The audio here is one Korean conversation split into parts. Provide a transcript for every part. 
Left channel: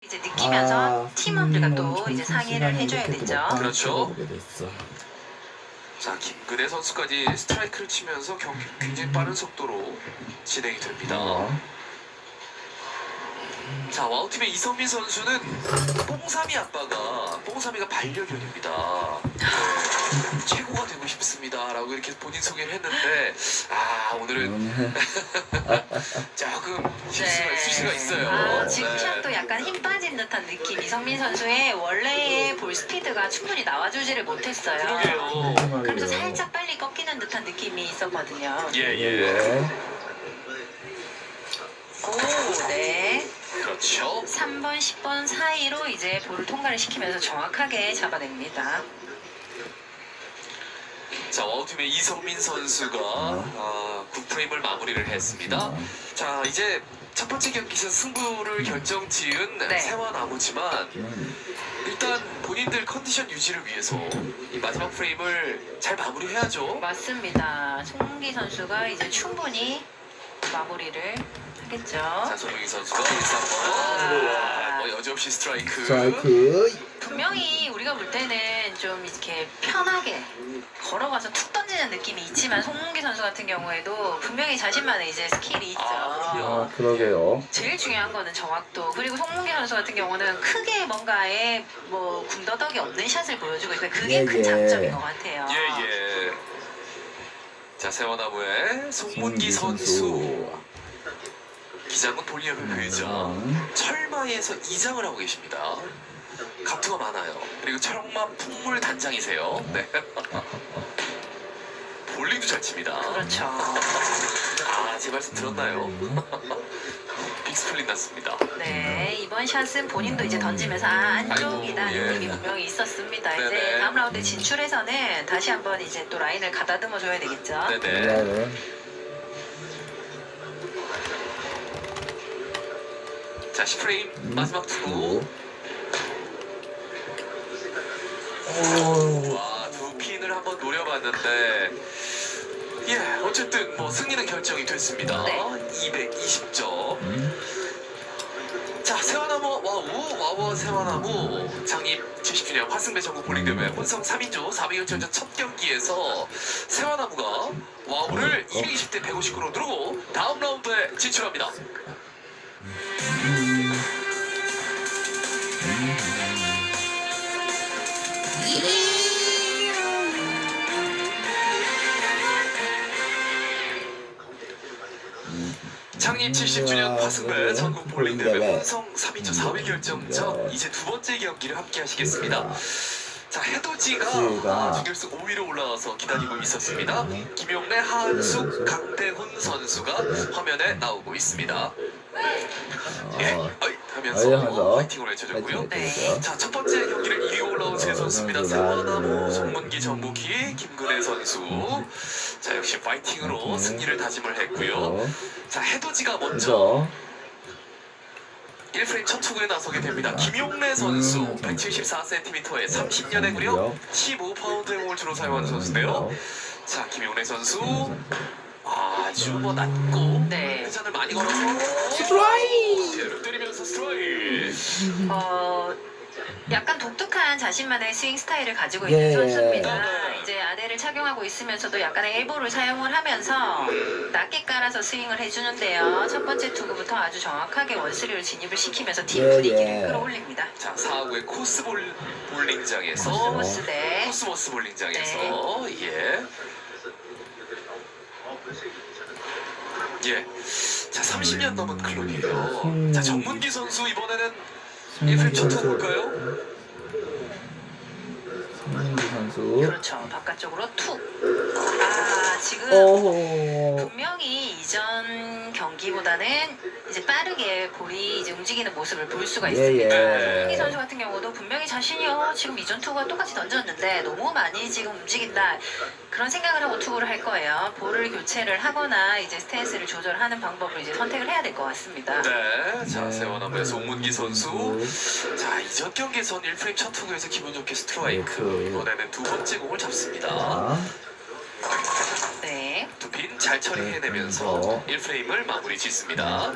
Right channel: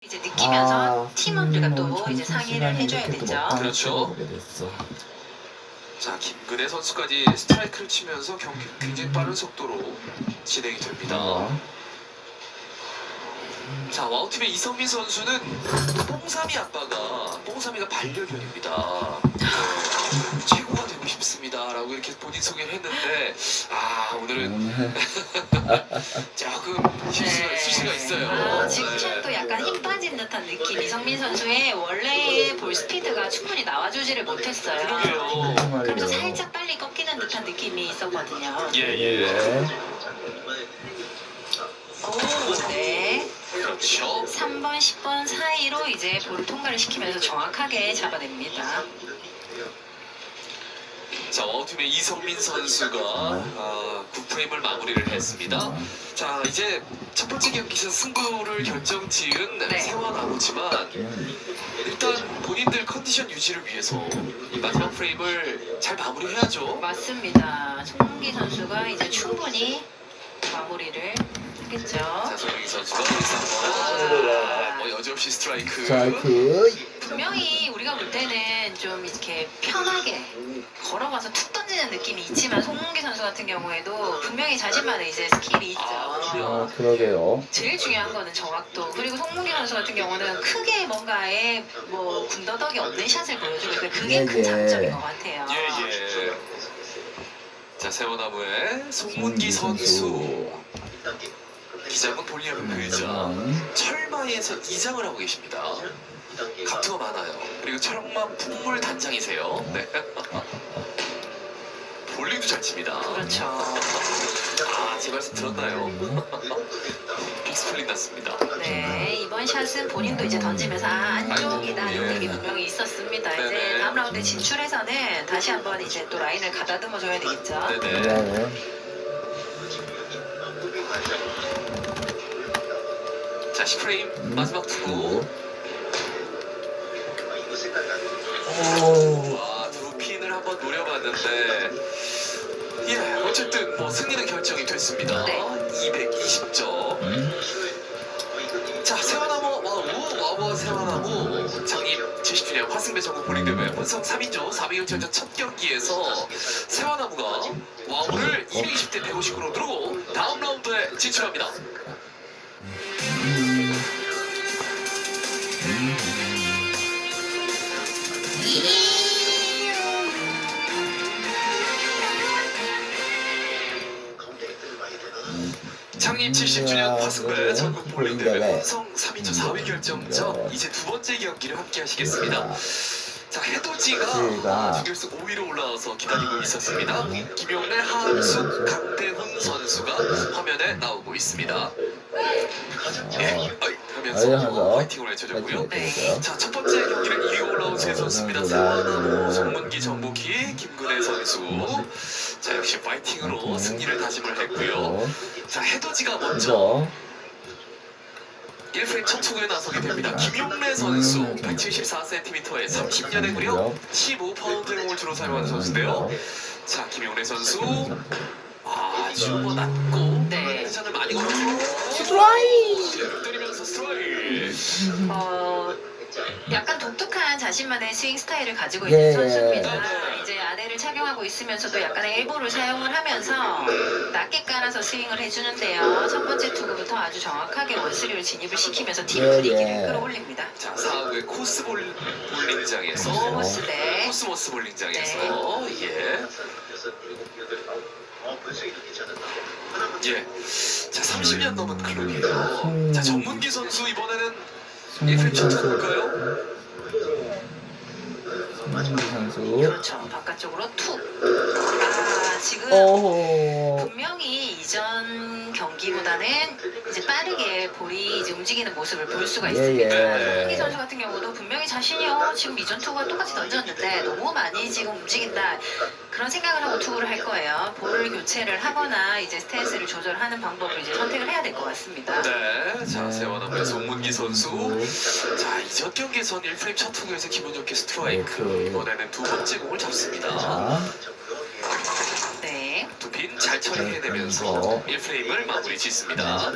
이제 느끼면서 팀원들과 또 이제 상의를 해줘야 되죠. 그렇죠. 자, 김근혜 선수까지 스트라이크를 치면서 경기 굉장히 빠른 속도로 진행이 됩니다. 자, 와우팀의 이성민 선수는 뽕삼이 아빠가 뽕삼이가 반려견입니다. 네, 최고가 되고 싶습니다라고 이렇게 본인 소개를 했는데 오늘은 조금 실수가 있을 수가 있어요. 지금 또 약간 힘 빠진 듯한 느낌. 이성민 선수의 원래의 볼 스피드가 충분히 나와주지를 못했어요. 그러게요. 그래서 살짝 빨리 꺾이는 듯한 느낌이 있었거든요. 예. 오, 네. 그렇죠. 3번, 10번 사이로 이제 볼을 통과를 시키면서 정확하게 잡아냅니다. 자, 와우팀의 이성민 선수가 9프레임을 마무리를 했습니다. 자, 이제 첫 번째 경기에서 승부를 결정지은 네. 세화나무지만 일단 본인들 컨디션 유지를 위해서 이 마지막 프레임을 잘 마무리해야죠. 맞습니다. 송문기 선수가 이제 충분히 마무리를 했겠죠. 자, 손흥민 선수가 여지없이 스트라이크. 분명히 우리가 볼 때는 좀 이렇게 편하게 걸어가서 툭 던지는 느낌이 있지만 송문기 선수 같은 경우에도 분명히 자신만의 이제 스킬이 있죠. 그러게요. 제일 중요한 거는 정확도. 그리고 송문기 선수 같은 경우는 크게 뭔가에 뭐 군더더기 없는 샷을 보여주고 있는데 그게 큰 장점인 것 같아요. 예. 자, 세워나무의 송문기 선수. 기장은 볼리언 표이죠. 철마에서 이장을 하고 계십니다. 감투가 많아요. 그리고 철마 풍물 단장이세요. 네. 볼링도 잘 칩니다. 그렇죠. 제 말씀 들었나요? 빅스플릿 났습니다. 네, 이번 샷은 본인도 이제 던지면서 안쪽이다 아이고, 느낌이 예. 분명히 있었습니다. 이제 네네. 다음 라운드 진출해서는 다시 한번 이제 또 라인을 가다듬어 줘야 되겠죠. 네네. 자, 10프레임 마지막 투구. 두 핀을 한번 노려봤는데 어쨌든 뭐 승리는 결정이 됐습니다. 네. 220점. 자, 세화나무 와우 세화나무 창립 70주년 화승배 전국 볼링대회 혼성 3인조 400일전전 첫 경기에서 세화나무가 와우를 220대 150으로 누르고 다음 라운드에 진출합니다. 창립 70주년 화승배 전국 볼링대회 혼성 3인조 4위 결정전 이제 두 번째 경기를 함께 하시겠습니다. 자, 해돋이가 준결승 5위로 올라와서 기다리고 있었습니다. 김용래, 하은숙, 강대훈 선수가 화면에 나오고 있습니다. 하면서 파이팅을 해주셨고요. 자, 첫 번째 경기를 이기고 올라온 세 선수입니다. 세화나무, 송문기, 정복희, 김근혜 선수. 자, 역시 파이팅으로 승리를 다짐을 했고요. 자, 해돋이가 먼저 1프레임 첫 투구에 나서게 됩니다. 김용래 선수 174cm에 30년의 무려 15파운드의 공을 주로 사용하는 선수인데요. 자, 김용래 선수 아주 낮고 회전을 많이 걸어서 스트라이크! 때리면서 스트라이크! 약간 독특한 자신만의 스윙 스타일을 가지고 있는 선수입니다. 이제 아대를 착용하고 있으면서도 약간의 엘보를 사용을 하면서 낮게 깔아서 스윙을 해주는데요. 첫 번째 투구부터 아주 정확하게 원스리를 진입을 시키면서 팀 분위기를 끌어올립니다. 자, 4구의 코스 볼링장에서 코스모스 볼링장에서 자, 30년 넘은 클럽이에요. 자, 정문기 선수 이번에는 1프레임 첫 투구일까요? 그렇죠. 바깥쪽으로 툭. 지금 분명히 이전 경기보다는 이제 빠르게 볼이 이제 움직이는 모습을 볼 수가 있습니다. 송기 선수 같은 경우도 분명히 자신이 지금 이전 투구와 똑같이 던졌는데 너무 많이 지금 움직인다. 그런 생각을 하고 투구를 할 거예요. 볼을 교체를 하거나 이제 스탠스를 조절하는 방법을 이제 선택을 해야 될 것 같습니다. 네, 자, 세워나무의 송문기 선수. 자, 이전 경기에선 1프레임 첫 투구에서 기분 좋게 스트라이크. 이번에는 두 번째 공을 잡습니다. 두 핀 잘 처리해내면서 1프레임을 마무리 짓습니다.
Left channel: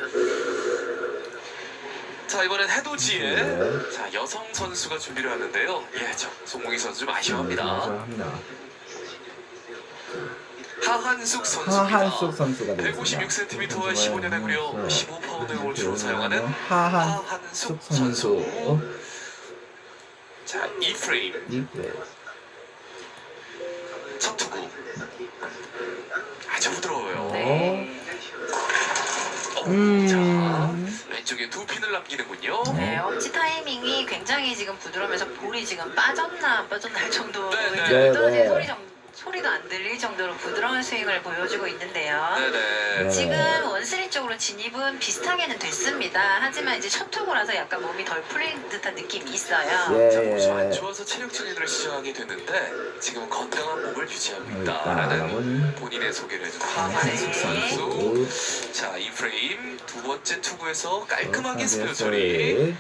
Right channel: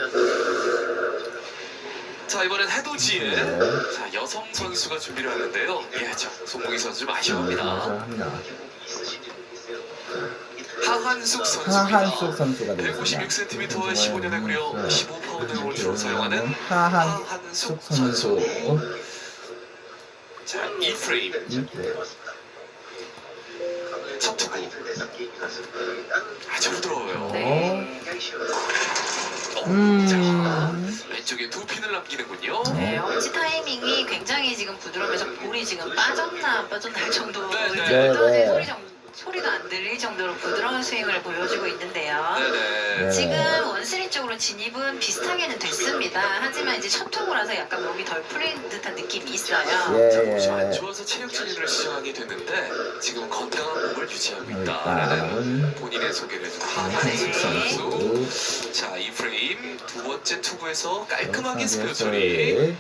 자, 이번엔 해돋이의 자, 여성 선수가 준비를 하는데요. 예, 저 송봉희 선수 좀 아쉬워합니다. 감사합니다. 하한숙 선수가 되겠습니다. 156cm와 15년에 무려 15파운드를 주로 사용하는 하한숙 선수. 자, 이 프레임 첫투구 아주 부드러워요. 네. 자, 왼쪽에 두 핀을 남기는군요. 네, 엄지 타이밍이 굉장히 지금 부드러우면서 볼이 지금 빠졌나 안 빠졌나 할 정도로 네, 이제 네. 소리가 안 들릴 정도로 부드러운 스윙을 보여주고 있는데요. 네네. 지금 원쓰리 쪽으로 진입은 비슷하게는 됐습니다. 하지만 이제 첫 투구라서 약간 몸이 덜 풀린 듯한 느낌이 있어요. 자, 몸이 좀 안 좋아서 체력 진입을 시작하게 됐는데 지금 건강한 몸을 유지하고 있다라는 본인의 소개를 해준 하한숙 선수. 자, 이 프레임 두 번째 투구에서 깔끔하게 스페어 처리.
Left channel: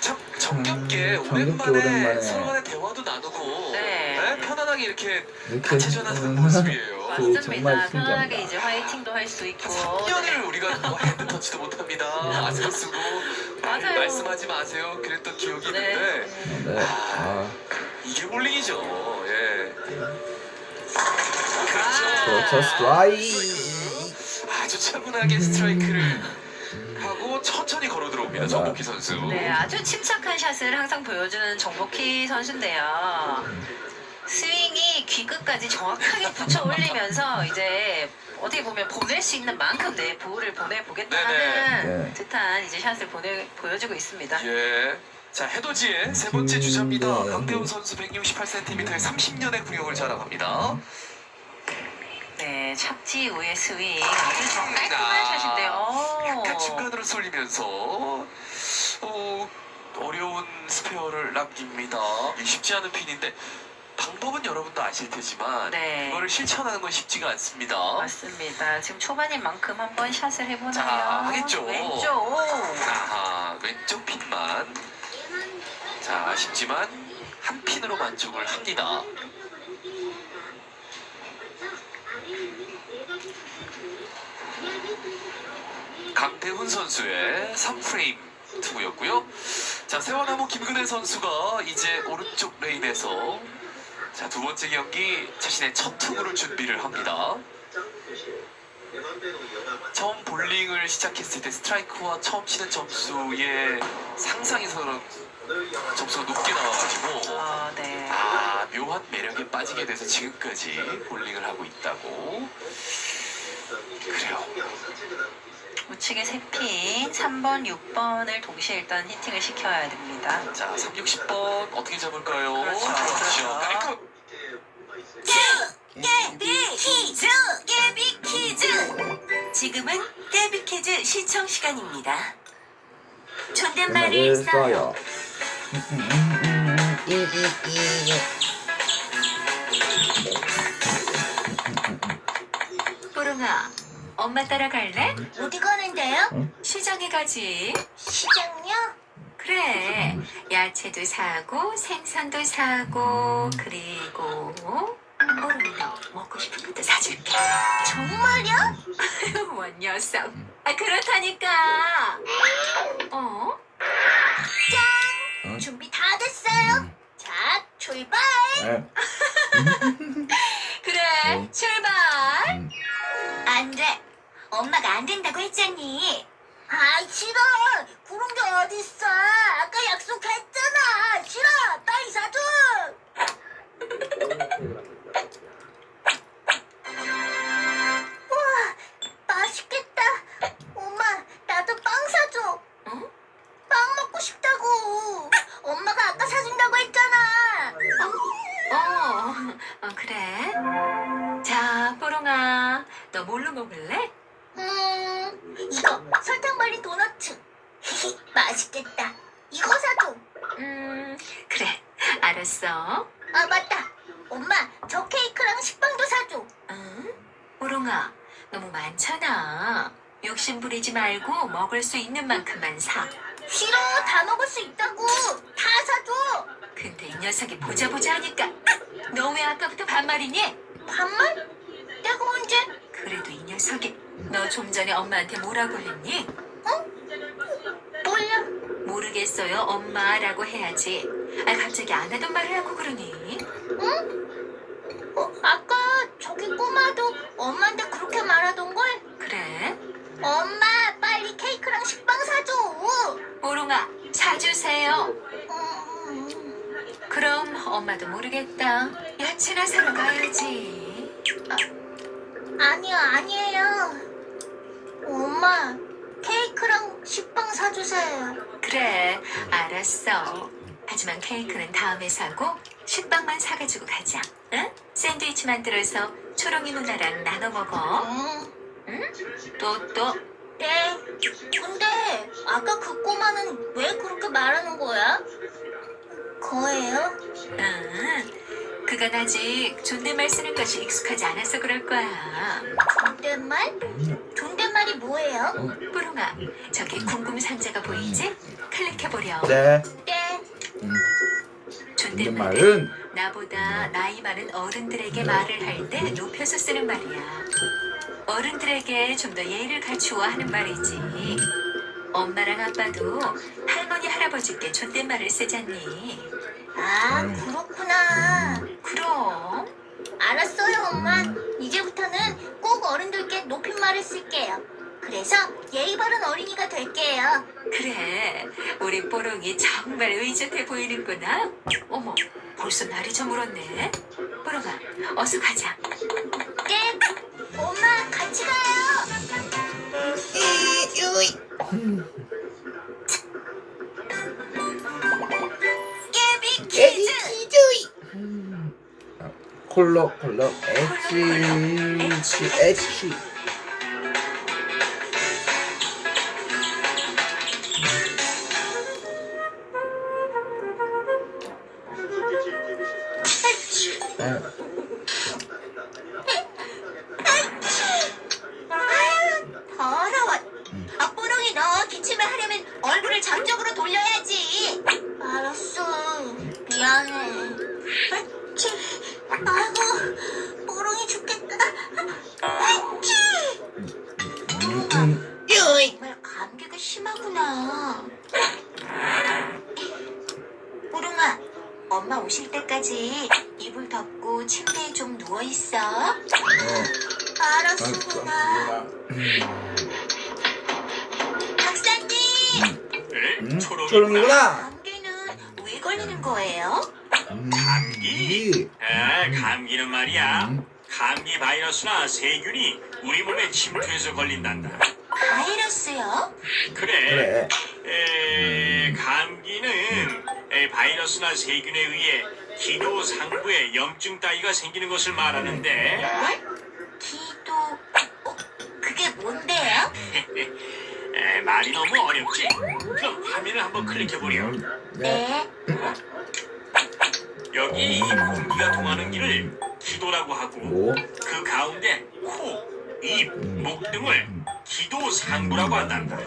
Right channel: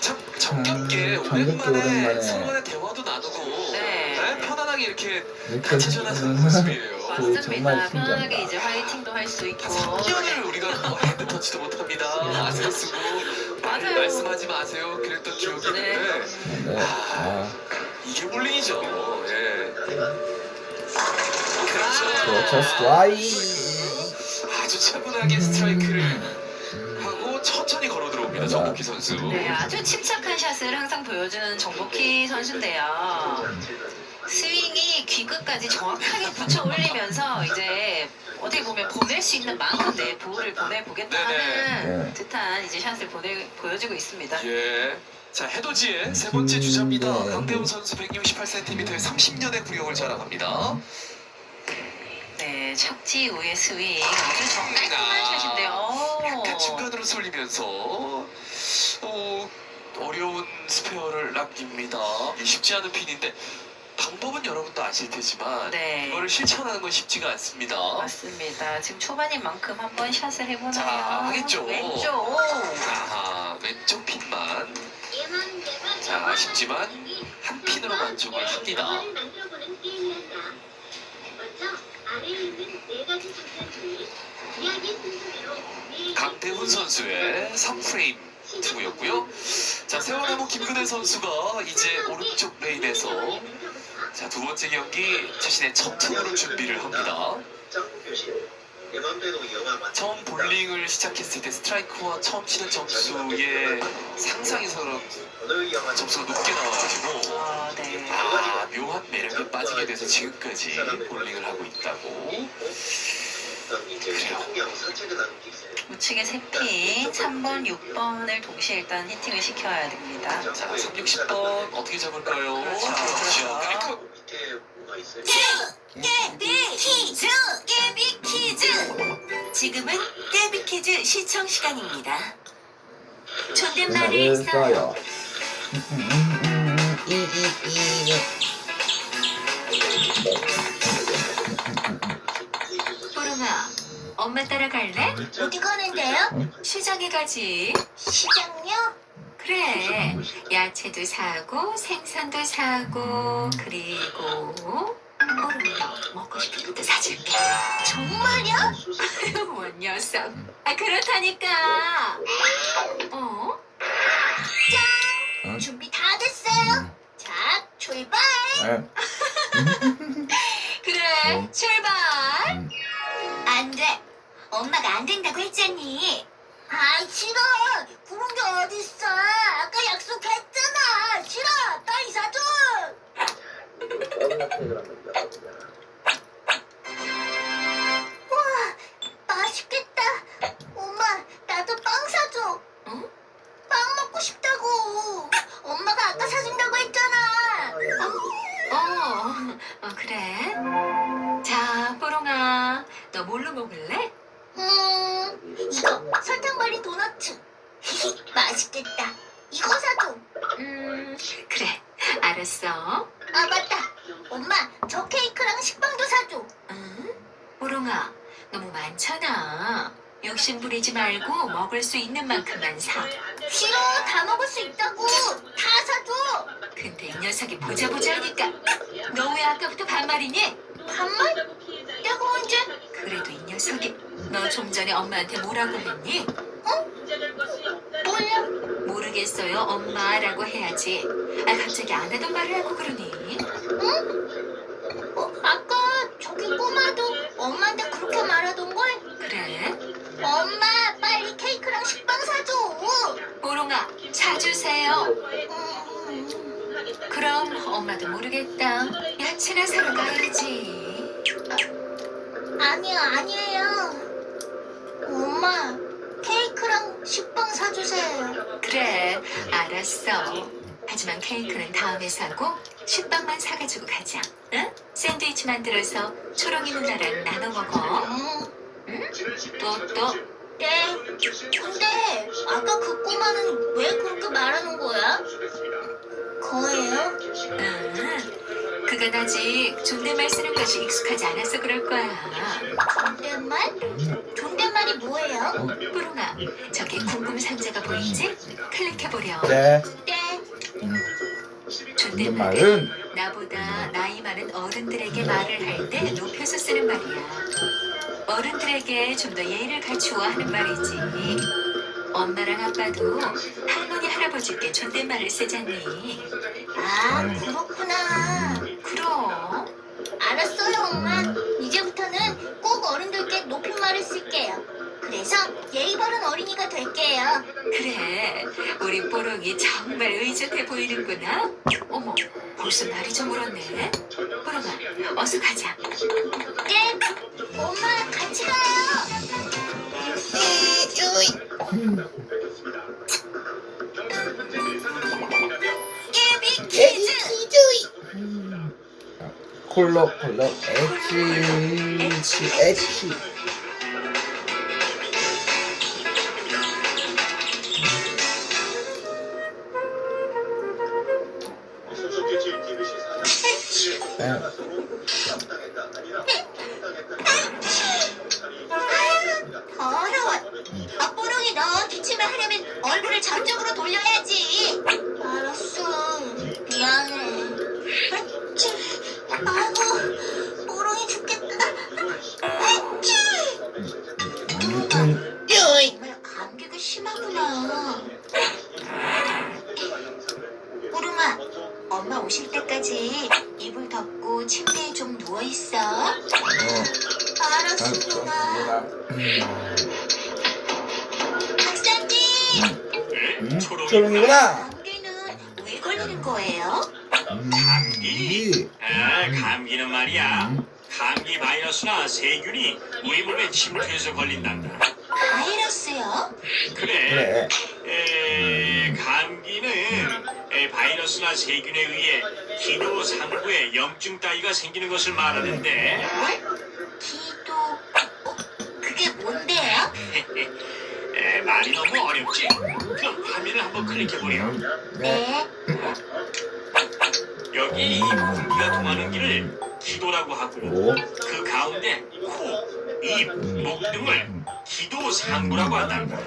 참 정겹게 오랜만에 서로 간의 대화도 나누고 네. 편안하게 이렇게 이렇게 같이 전화하는 모습이에요. 맞습니다. 정말 편안하게 신기합니다. 이제 화이팅도 할 수 있고. 3년을 우리가 핸드 터치도 못합니다. 아세요 쓰고 맞아요. 말씀하지 마세요. 그랬던 기억이 있는데 네. 이게 볼링이죠. 예. 그렇죠. 스트라이크. 아주 차분하게 스트라이크를 하고 천천히 걸어 들어옵니다. 정복희 선수. 네, 아주 침착한 샷을 항상 보여주는 정복희 선수인데요. 스윙이 귀끝까지 정확하게 붙여 올리면서 이제 어떻게 보면 보낼 수 있는 만큼 내 볼을 보내보겠다 하는 네. 듯한 이제 샷을 보여주고 있습니다. 예. 자, 해돋이의 세 번째 주자입니다. 네. 강대훈 선수 168cm에 30년의 구력을 자랑합니다. 네, 착지 후의 스윙 아주 깔끔한 샷인데요. 약간 중간으로 쏠리면서 어려운 스페어를 남깁니다. 쉽지 않은 핀인데 방법은 여러분도 아실 테지만 네. 이거를 실천하는 건 쉽지가 않습니다. 맞습니다. 지금 초반인 만큼 한번 샷을 해보나요? 자, 하겠죠. 왼쪽. 아하, 왼쪽 핀만. 자, 아쉽지만 한 핀으로 만족을 합니다. 강태훈 선수의 3프레임 투구였고요. 자, 세월나무 김근혜 선수가 이제 오른쪽 레인에서 자, 두 번째 경기 자신의 첫 투구를 준비를 합니다. 처음 볼링을 시작했을 때 스트라이크와 처음 치는 점수의 상상에서 점수가 높게 나와가지고 네. 묘한 매력에 빠지게 돼서 지금까지 볼링을 하고 있다고. 그래요. 우측에 3핀, 3번, 6번을 동시에 일단 히팅을 시켜야 됩니다. 자, 3, 6, 10번 어떻게 잡을까요? 그렇죠. 깔끔. 깨비 퀴즈! 지금은 깨비 퀴즈 시청 시간입니다. 존댓말을 써요. 뽀롱아, 엄마 따라갈래? 어디 가는데요? 시장에 가지. 시장요? 그래. 야채도 사고 생선도 사고 그리고 뽀롱아 먹고 싶은 것도 사줄게. 정말요? 원 녀석. 그렇다니까. 짠! 준비 다 됐어요. 자, 출발! 그래, 출발! 안 돼. 엄마가 안 된다고 했잖니. 싫어. 그런 게 어딨어. 아까 약속했잖아. 싫어. 빨리 사줘. 우와, 맛있겠다. 엄마, 나도 빵 사줘. 응? 빵 먹고 싶다고. 엄마가 아까 사준다고 했잖아. 그래. 자, 뽀롱아, 너 뭘로 먹을래? 이거 설탕말이 도너츠. 맛있겠다. 이거 사줘. 그래. 알았어. 맞다. 엄마, 저 케이크랑 식빵도 사줘. 응? 뽀롱아, 너무 많잖아. 욕심 부리지 말고 먹을 수 있는 만큼만 사. 싫어. 다 먹을 수 있다고. 다 사줘. 근데 이 녀석이 보자 하니까. 너 왜 아까부터 반말이니? 반말? 내가 언제? 그래도 이 녀석 녀석이. 너 좀 전에 엄마한테 뭐라고 했니? 몰라. 모르겠어요. 엄마라고 해야지. 아, 갑자기 안 하던 말을 하고 그러니? 아까 저기 꼬마도 엄마한테 그렇게 말하던걸? 그래? 엄마, 빨리 케이크랑 식빵 사줘. 보롱아, 사주세요. 그럼 엄마도 모르겠다. 야채나 사러 가야지. 아니에요. 엄마, 케이크랑 식빵 사주세요. 그래, 알았어. 하지만 케이크는 다음에 사고 식빵만 사가지고 가자. 응? 샌드위치 만들어서 초롱이 누나랑 나눠 먹어. 응? 또. 네. 근데 아까 그 꼬마는 왜 그렇게 말하는 거야? 거예요? 응. 그건 아직 존댓말 쓰는 것이 익숙하지 않아서 그럴 거야. 존댓말? 존댓말이 뭐예요? 뽀롱아, 저기 궁금 상자가 보이지? 클릭해보렴. 네. 네. 존댓말은 존댓말은 나보다 나이 많은 어른들에게 말을 할 때 높여서 쓰는 말이야. 어른들에게 좀 더 예의를 갖추어 하는 말이지. 엄마랑 아빠도 할머니 할아버지께 존댓말을 쓰잖니. 아, 그렇구나. 그럼. 알았어요, 엄마. 이제부터는 꼭 어른들께 높임말을 쓸게요. 그래서 예의 바른 어린이가 될게요. 그래, 우리 뽀롱이 정말 의젓해 보이는구나. 어머, 벌써 날이 저물었네. 뽀롱아, 어서 가자. 네, 엄마 같이 가요. 깨비 퀴즈. 콜록 엣지. 네. 더러워. 뽀롱이 너 기침을 하려면 얼굴을 저쪽으로 돌려야지. 알았어. 미안해. 아이고, 뽀롱이 죽겠다. 정말 감기가 심하구나. 뽀롱아, 엄마 오실 때까지 이불 덮고 침대에 좀 누워있어. 알았습니다. 박사님! 초롱이구나. 감기는 왜 걸리는 거예요? 감기? 감기는 말이야. 감기 바이러스나 세균이 우리 몸에 침투해서 걸린단다. 바이러스요? 그래. 감기는 바이러스나 세균에 의해 기도 상부에 염증 따위가 생기는 것을 말하는데 네? 기도... 그게 뭔데요? 말이 너무 어렵지? 그럼 화면을 한번 클릭해보렴. 네. 여기 공기가 통하는 길을 기도라고 하고 그 가운데 코, 입, 목 등을 기도 상부라고 한단다. 야하!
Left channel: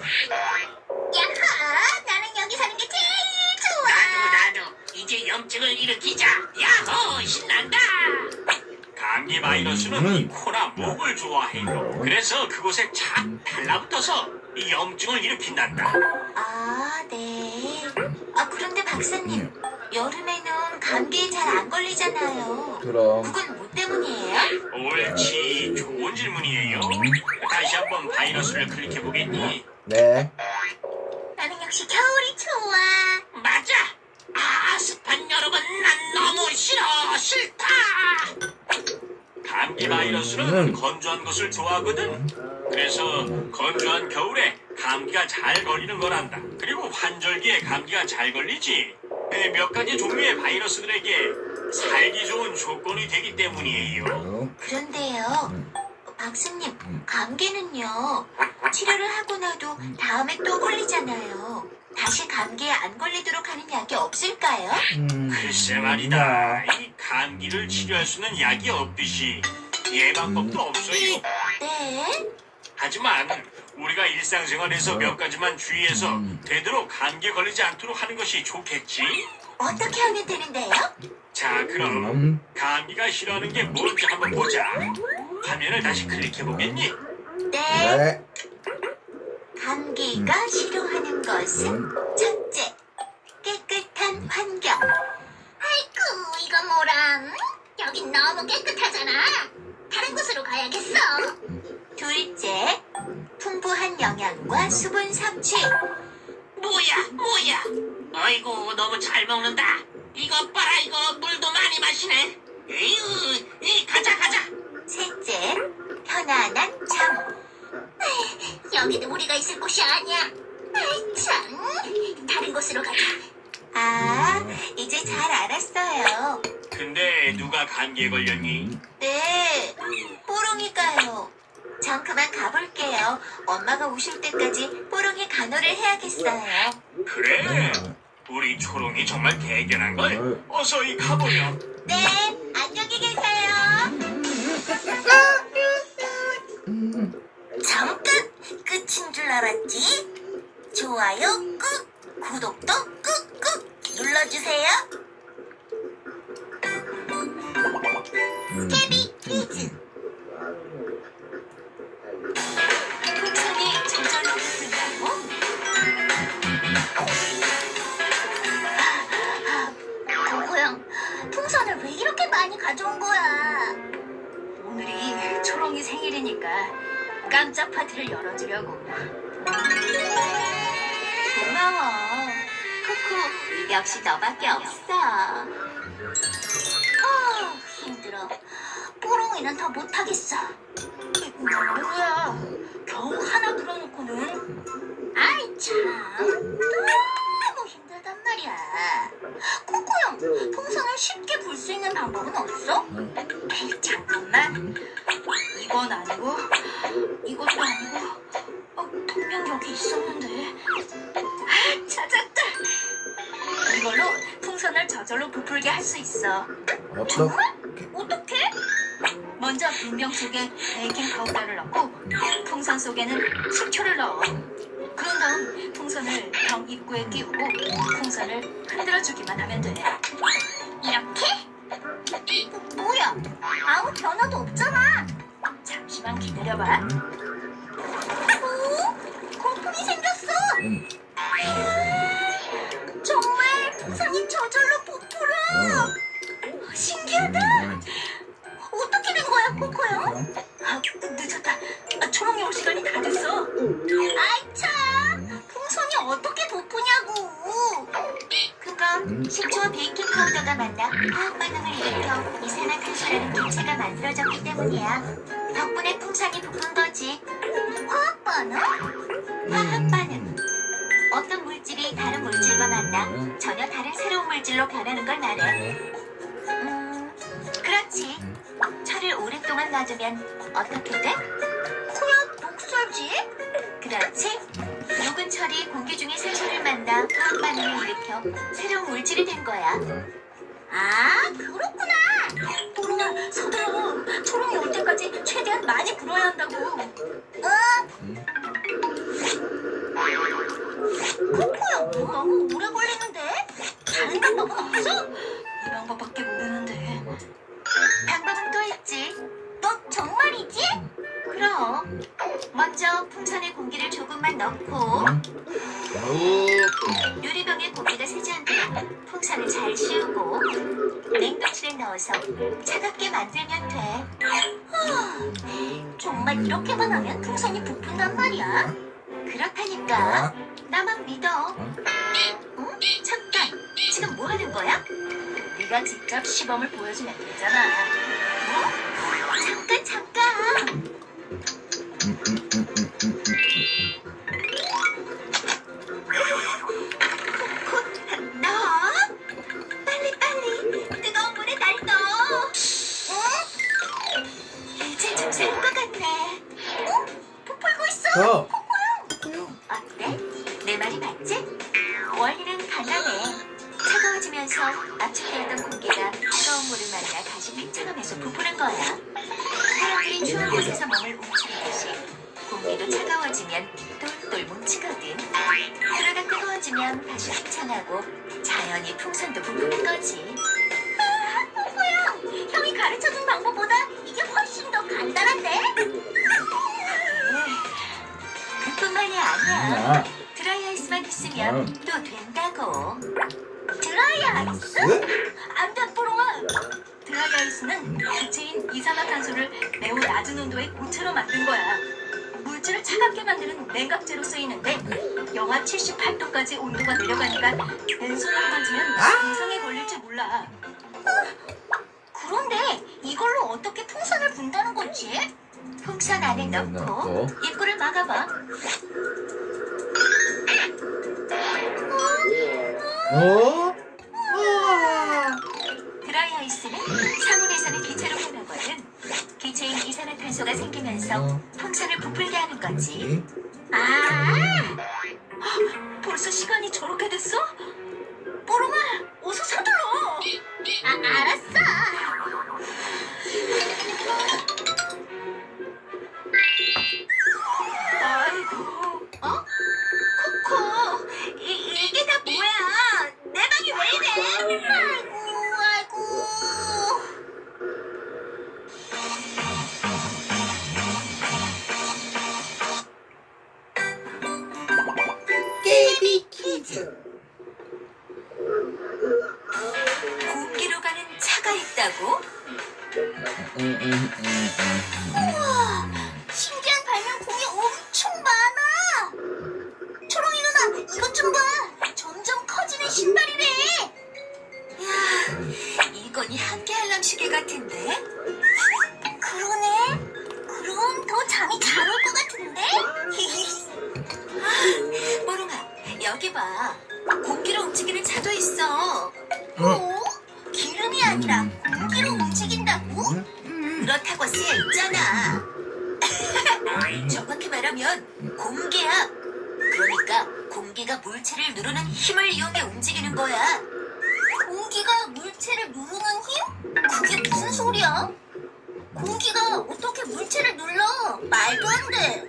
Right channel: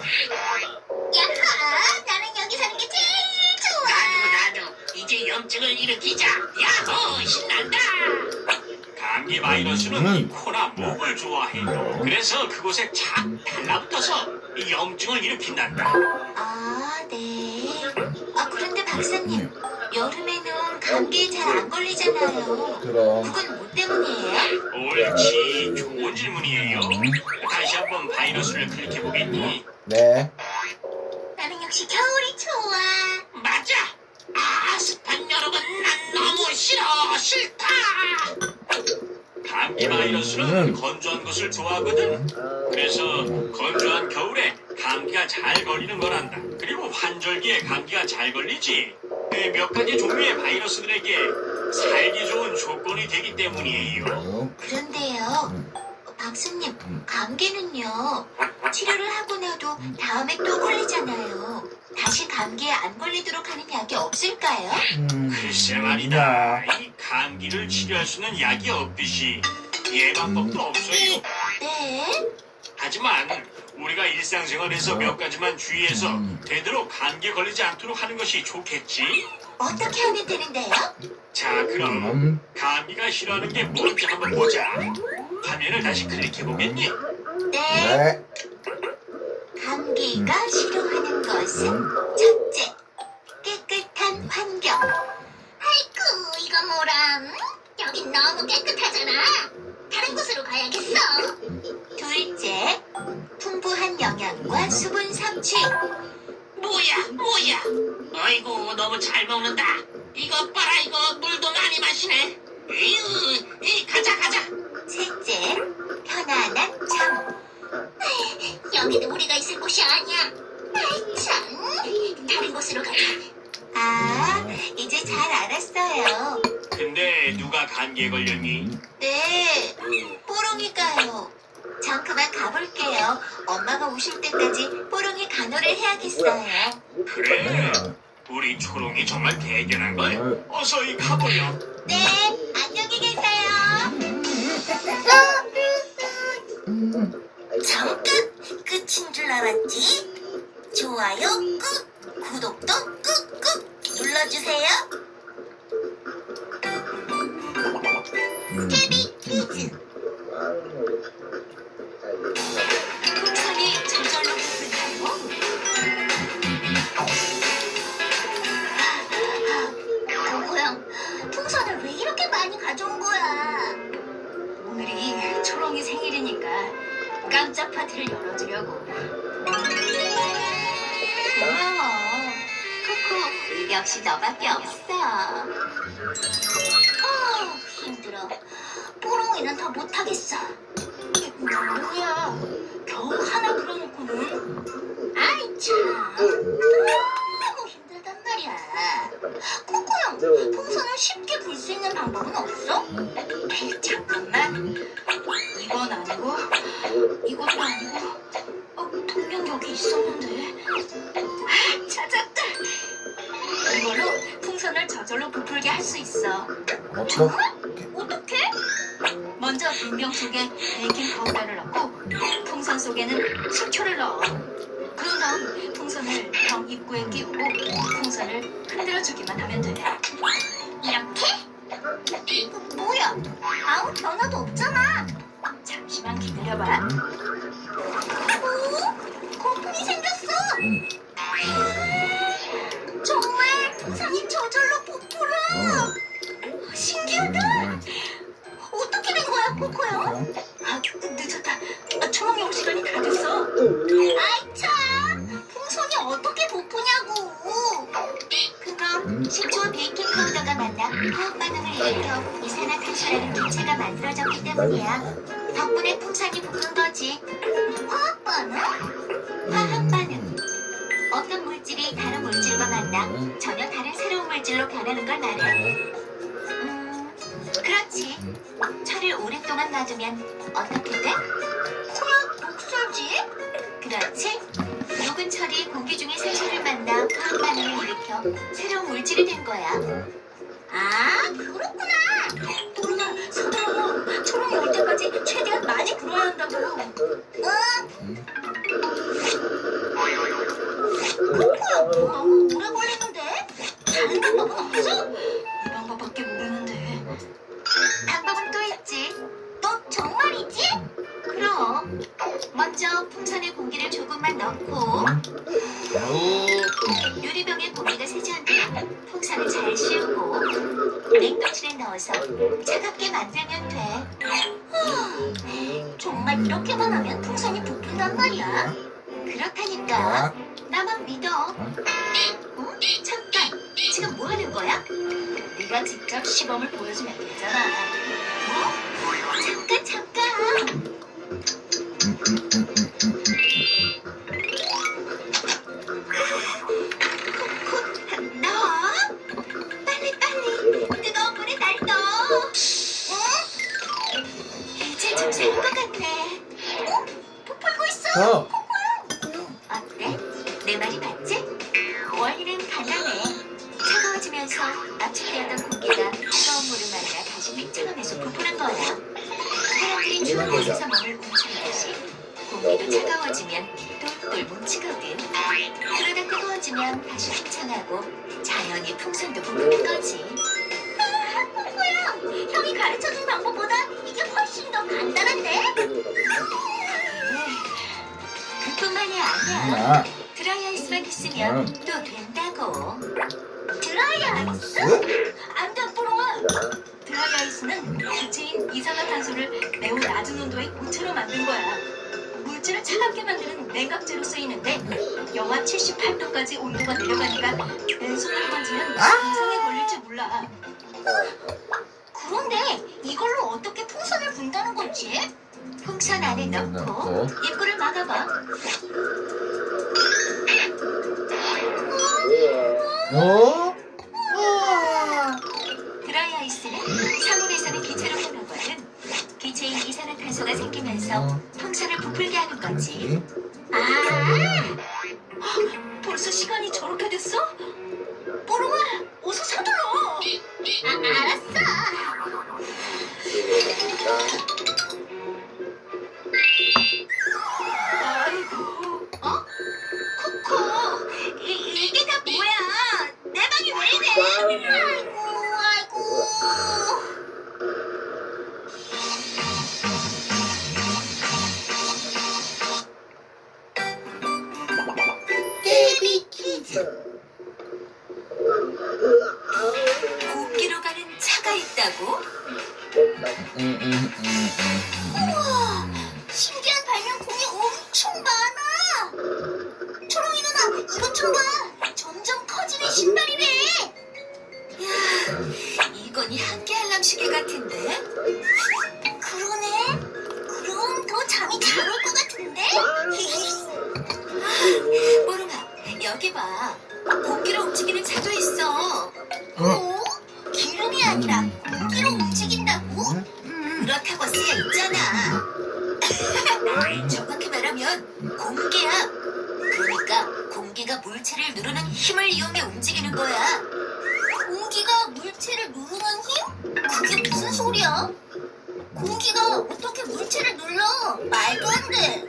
나는 여기 사는 게 제일 좋아! 나도 이제 염증을 일으키자. 야호 신난다. 감기 바이러스는 이 코나 목을 좋아해. 그래서 그곳에 착 달라붙어서 이 염증을 일으킨단다. 아, 네. 그런데 박사님, 여름에는 감기에 잘 안 걸리잖아요. 그럼. 그건 뭐 때문이에요? 옳지, 좋은 질문이에요. 다시 한번 바이러스를 클릭해 보겠니? 네. 나는 역시 겨울이 좋아. 맞아. 습한 여름은 난 너무 싫다. 감기 바이러스는 건조한 것을 좋아하거든. 그래서 건조한 겨울에 감기가 잘 걸리는 거란다. 그리고 환절기에 감기가 잘 걸리지. 몇 가지 종류의 바이러스들에게 살기 좋은 조건이 되기 때문이에요. 그런데요, 박사님, 감기는요, 치료를 하고 나도 다음에 또 걸리잖아요. 다시 감기에 안 걸리도록 하는 약이 없을까요? 글쎄 말이다. 이 감기를 치료할 수 있는 약이 없듯이 예방법도 없어요. 네. 하지만 우리가 일상생활에서 몇 가지만 주의해서 되도록 감기에 걸리지 않도록 하는 것이 좋겠지? 어떻게 하면 되는데요? 자, 그럼 감기가 싫어하는 게 뭔지 한번 보자. 화면을 다시 클릭해 보겠니? 네. 감기가 싫어하는 것은 첫째, 깨끗한 환경. 아이쿠, 이거 뭐람? 여긴 너무 깨끗하잖아. 다른 곳으로 가야겠어. 둘째, 풍부한 영양과 수분 섭취. 뭐야? 아이고 너무 잘 먹는다. 이거 봐라 이거 물도 많이 마시네. 에휴, 가자. 셋째, 편안한 잠. 여기는 우리가 있을 곳이 아니야. 아이 참, 다른 곳으로 가자. 아, 이제 잘 알았어요. 근데 누가 감기에 걸렸니? 네, 뽀롱이가요. 전 그만 가볼게요. 엄마가 오실 때까지 뽀롱이 간호를 해야겠어요. 그래? 우리 초롱이 정말 대견한 걸. 어서 이 가보렴. 네, 안녕히 계세요. 잠깐 끝인 줄 알았지? 좋아요 꾹, 구독도 꾹꾹 눌러주세요. 케비 퀴즈. 풍선이 저절로 붙는다고? 고고형, 풍선을 왜 이렇게 많이 가져온 거야? 오늘이 초롱이 생일이니까 깜짝 파티를 열어주려고. 고마워. 코코, 역시 너밖에 없어. 힘들어. 뽀롱이는 더 못하겠어. 뭐야? 겨우 하나 그려놓고는. 아이 참, 너무 힘들단 말이야. 코코 형, 풍선을 쉽게 불 수 있는 방법은 없어? 잠깐만. 이건 아니고, 이것도 아니고. 분명 여기 있었는데. 찾았다. 이걸로 풍선을 저절로 부풀게 할 수 있어. 정말? 어떻게? 먼저 분병 속에 베이킹 파우더를 넣고 풍선 속에는 식초를 넣어. 그런 다음 풍선을 병 입구에 끼우고 풍선을 흔들어주기만 하면 돼. 이렇게? 뭐야? 아무 변화도 없잖아. 잠시만 기다려봐. 오? 거품이 생겼어. 정말 풍선이 저절로 부풀어. 신기하다. 어떻게 된 거야, 코코요? 늦었다. 초롱이 올 시간이 다 됐어. 아이 참, 풍선이 어떻게 부푸냐고. 그건 식초와 베이킹 파우더가 만나 화학 반응을 일으켜 이산화탄소라는 물체가 만들어졌기 때문이야. 덕분에 풍선이 부푼 거지. 화학 반응? 화학 반응. 어떤 물질이 다른 물질과 만나 전혀 다른 새로운 물질로 변하는 걸 말해. 그렇지. 철을 오랫동안 놔두면 어떻게 돼? 그냥 독소지. 그렇지. 녹은 철이 공기 중에 산소를 만나 화학 반응을 일으켜 새로운 물질이 된 거야. 아, 그렇구나. 뽀롱아, 서둘러. 초롱이 올 때까지 최대한 많이 불어야 한다고. 코코야, 너무 오래 걸리는데? 다른 방법은 없어? 이 방법밖에 모르는데. 방법은 또 있지. 너 정말이지? 그럼. 먼저 풍선에 공기를 조금만 넣고 유리병에 공기가 새지 않도록 풍선을 잘 씌우고 냉동실에 넣어서 차갑게 만들면 돼. 정말 이렇게만 하면 풍선이 부푼단 말이야. 그렇다니까. 나만 믿어. 잠깐. 지금 뭐 하는 거야? 네가 직접 시범을 보여주면 되잖아. 잠깐. 너 빨리 뜨거운 물에 날 넣어. 이제 좀 살 것 같네. 부풀고 있어. 어때? 내 말이 맞지? 원리는 간단해. 차가워지면서 압축되었던 공기가 뜨거운 물을 만나 다시 팽창하면서 부푸는 거야. 사람들이 추운 곳에서 몸을 움츠리듯이 공기도 차가워지면 똘똘 뭉치거든. 그러다 뜨거워지면 다시 팽창하고 자연히 풍선도 부푸는 거지. 코코야, 형이 가르쳐준 방법보다 이게 훨씬 더 간단한데? 아니야. 드라이아이스만 있으면 또 된다고. 드라이아이스? 안 돼, 뽀롱아. 드라이아이스는 기체인 이산화탄소를 매우 낮은 온도의 고체로 만든 거야. 물질을 차갑게 만드는 냉각제로 쓰이는데 영하 78도까지 온도가 내려가니까 왼손으로 만지면 이상에 걸릴지 몰라. 그런데 이걸로 어떻게 풍선을 분다는 거지? 풍선 안에 넣고 입구를 막아봐. 어? 드라이아이스는 상온에서는 기체로 흘러거든. 기체인 이산화탄소가 생기면서 풍선을 부풀게 하는 거지. 아, 벌써 시간이 저렇게 됐어? 뽀롱아, 어서 서둘러. 알았어. 아이고, 코코, 이게 다 뭐야? 내 방이 왜 이래? 아이고. 깨비 퀴즈. 공기로 가는 차가 있다고? 신기한 발명품이 엄청 많아. 초롱이 누나, 이것 좀 봐. 점점 커지는 신발이래. 야, 이건 한계 알람 시계 같은데? 그러네. 그럼 더 잠이 잘 올 것 같은데? 뽀롱아, 여기 봐. 공기로 움직이는 차도 있어. 어? 기름이 아니라 공기로 움직인다고? 그렇다고 쓰여 있잖아. 정확히 말하면 공기야. 그러니까 공기가 물체를 누르는 힘을 이용해 움직이는 거야. 공기가 물체를 누르는 힘? 그게 무슨 소리야? 공기가 어떻게 물체를 눌러? 말도 안 돼.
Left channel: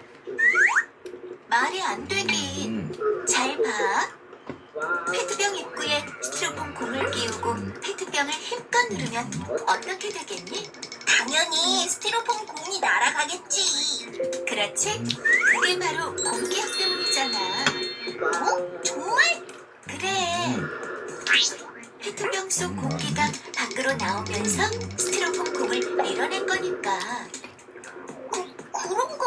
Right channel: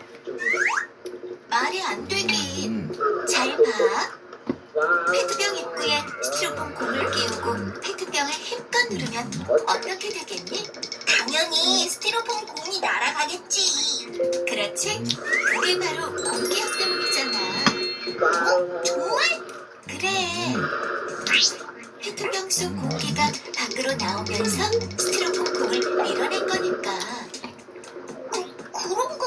말이 안 되긴. 잘 봐. 페트병 입구에 스티로폼 공을 끼우고 페트병을 힘껏 누르면 어떻게 되겠니? 당연히 스티로폼 공이 날아가겠지. 그렇지? 그게 바로 공기압 때문이잖아. 어? 정말? 그래. 페트병 속 공기가 밖으로 나오면서 스티로폼 공을 밀어낸 거니까. 그런가?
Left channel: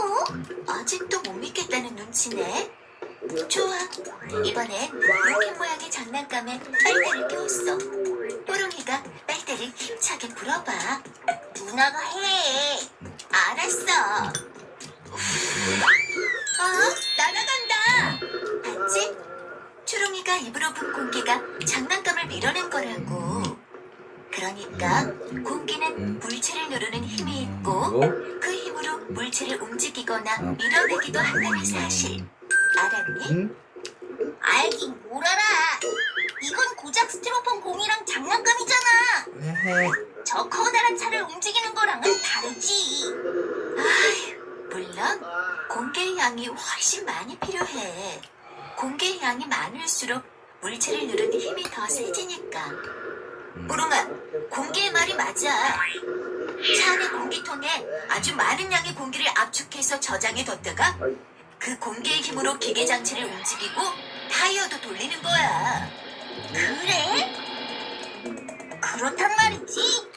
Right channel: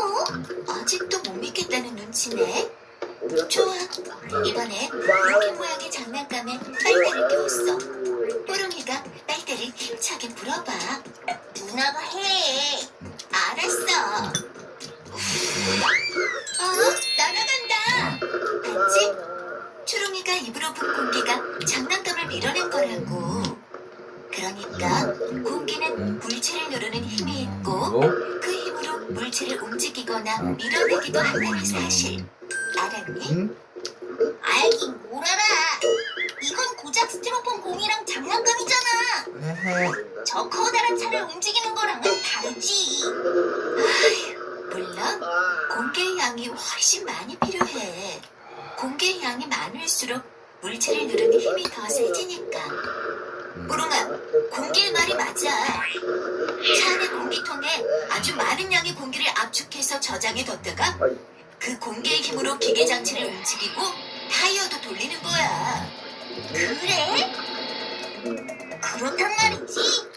아직도 못 믿겠다는 눈치네. 좋아. 이번엔 로켓 모양의 장난감에 빨대를 껴왔어. 뽀롱이가 빨대를 힘차게 불어봐. 누나가 해. 알았어. 날아간다. 봤지? 초롱이가 입으로 분 공기가 장난감을 밀어낸 거라고. 그러니까 공기는 물체를 누르는 힘이 있고 그 힘으로 물체를 움직이거나 밀어내기도 한다는 사실. 알았니? 알긴 뭘 알아. 이건 고작 스티로폼 공이랑 장난감이잖아. 저 커다란 차를 움직이는 거랑은 다르지. 물론 공기의 양이 훨씬 많이 필요해. 공기의 양이 많을수록 물체를 누르는 힘이 더 세지니까. 뽀롱아, 공기의 말이 맞아. 차 안의 공기통에 아주 많은 양의 공기를 압축해서 저장해 뒀다가 그 공기의 힘으로 기계 장치를 움직이고 타이어도 돌리는 거야. 그래? 그렇단 말이지.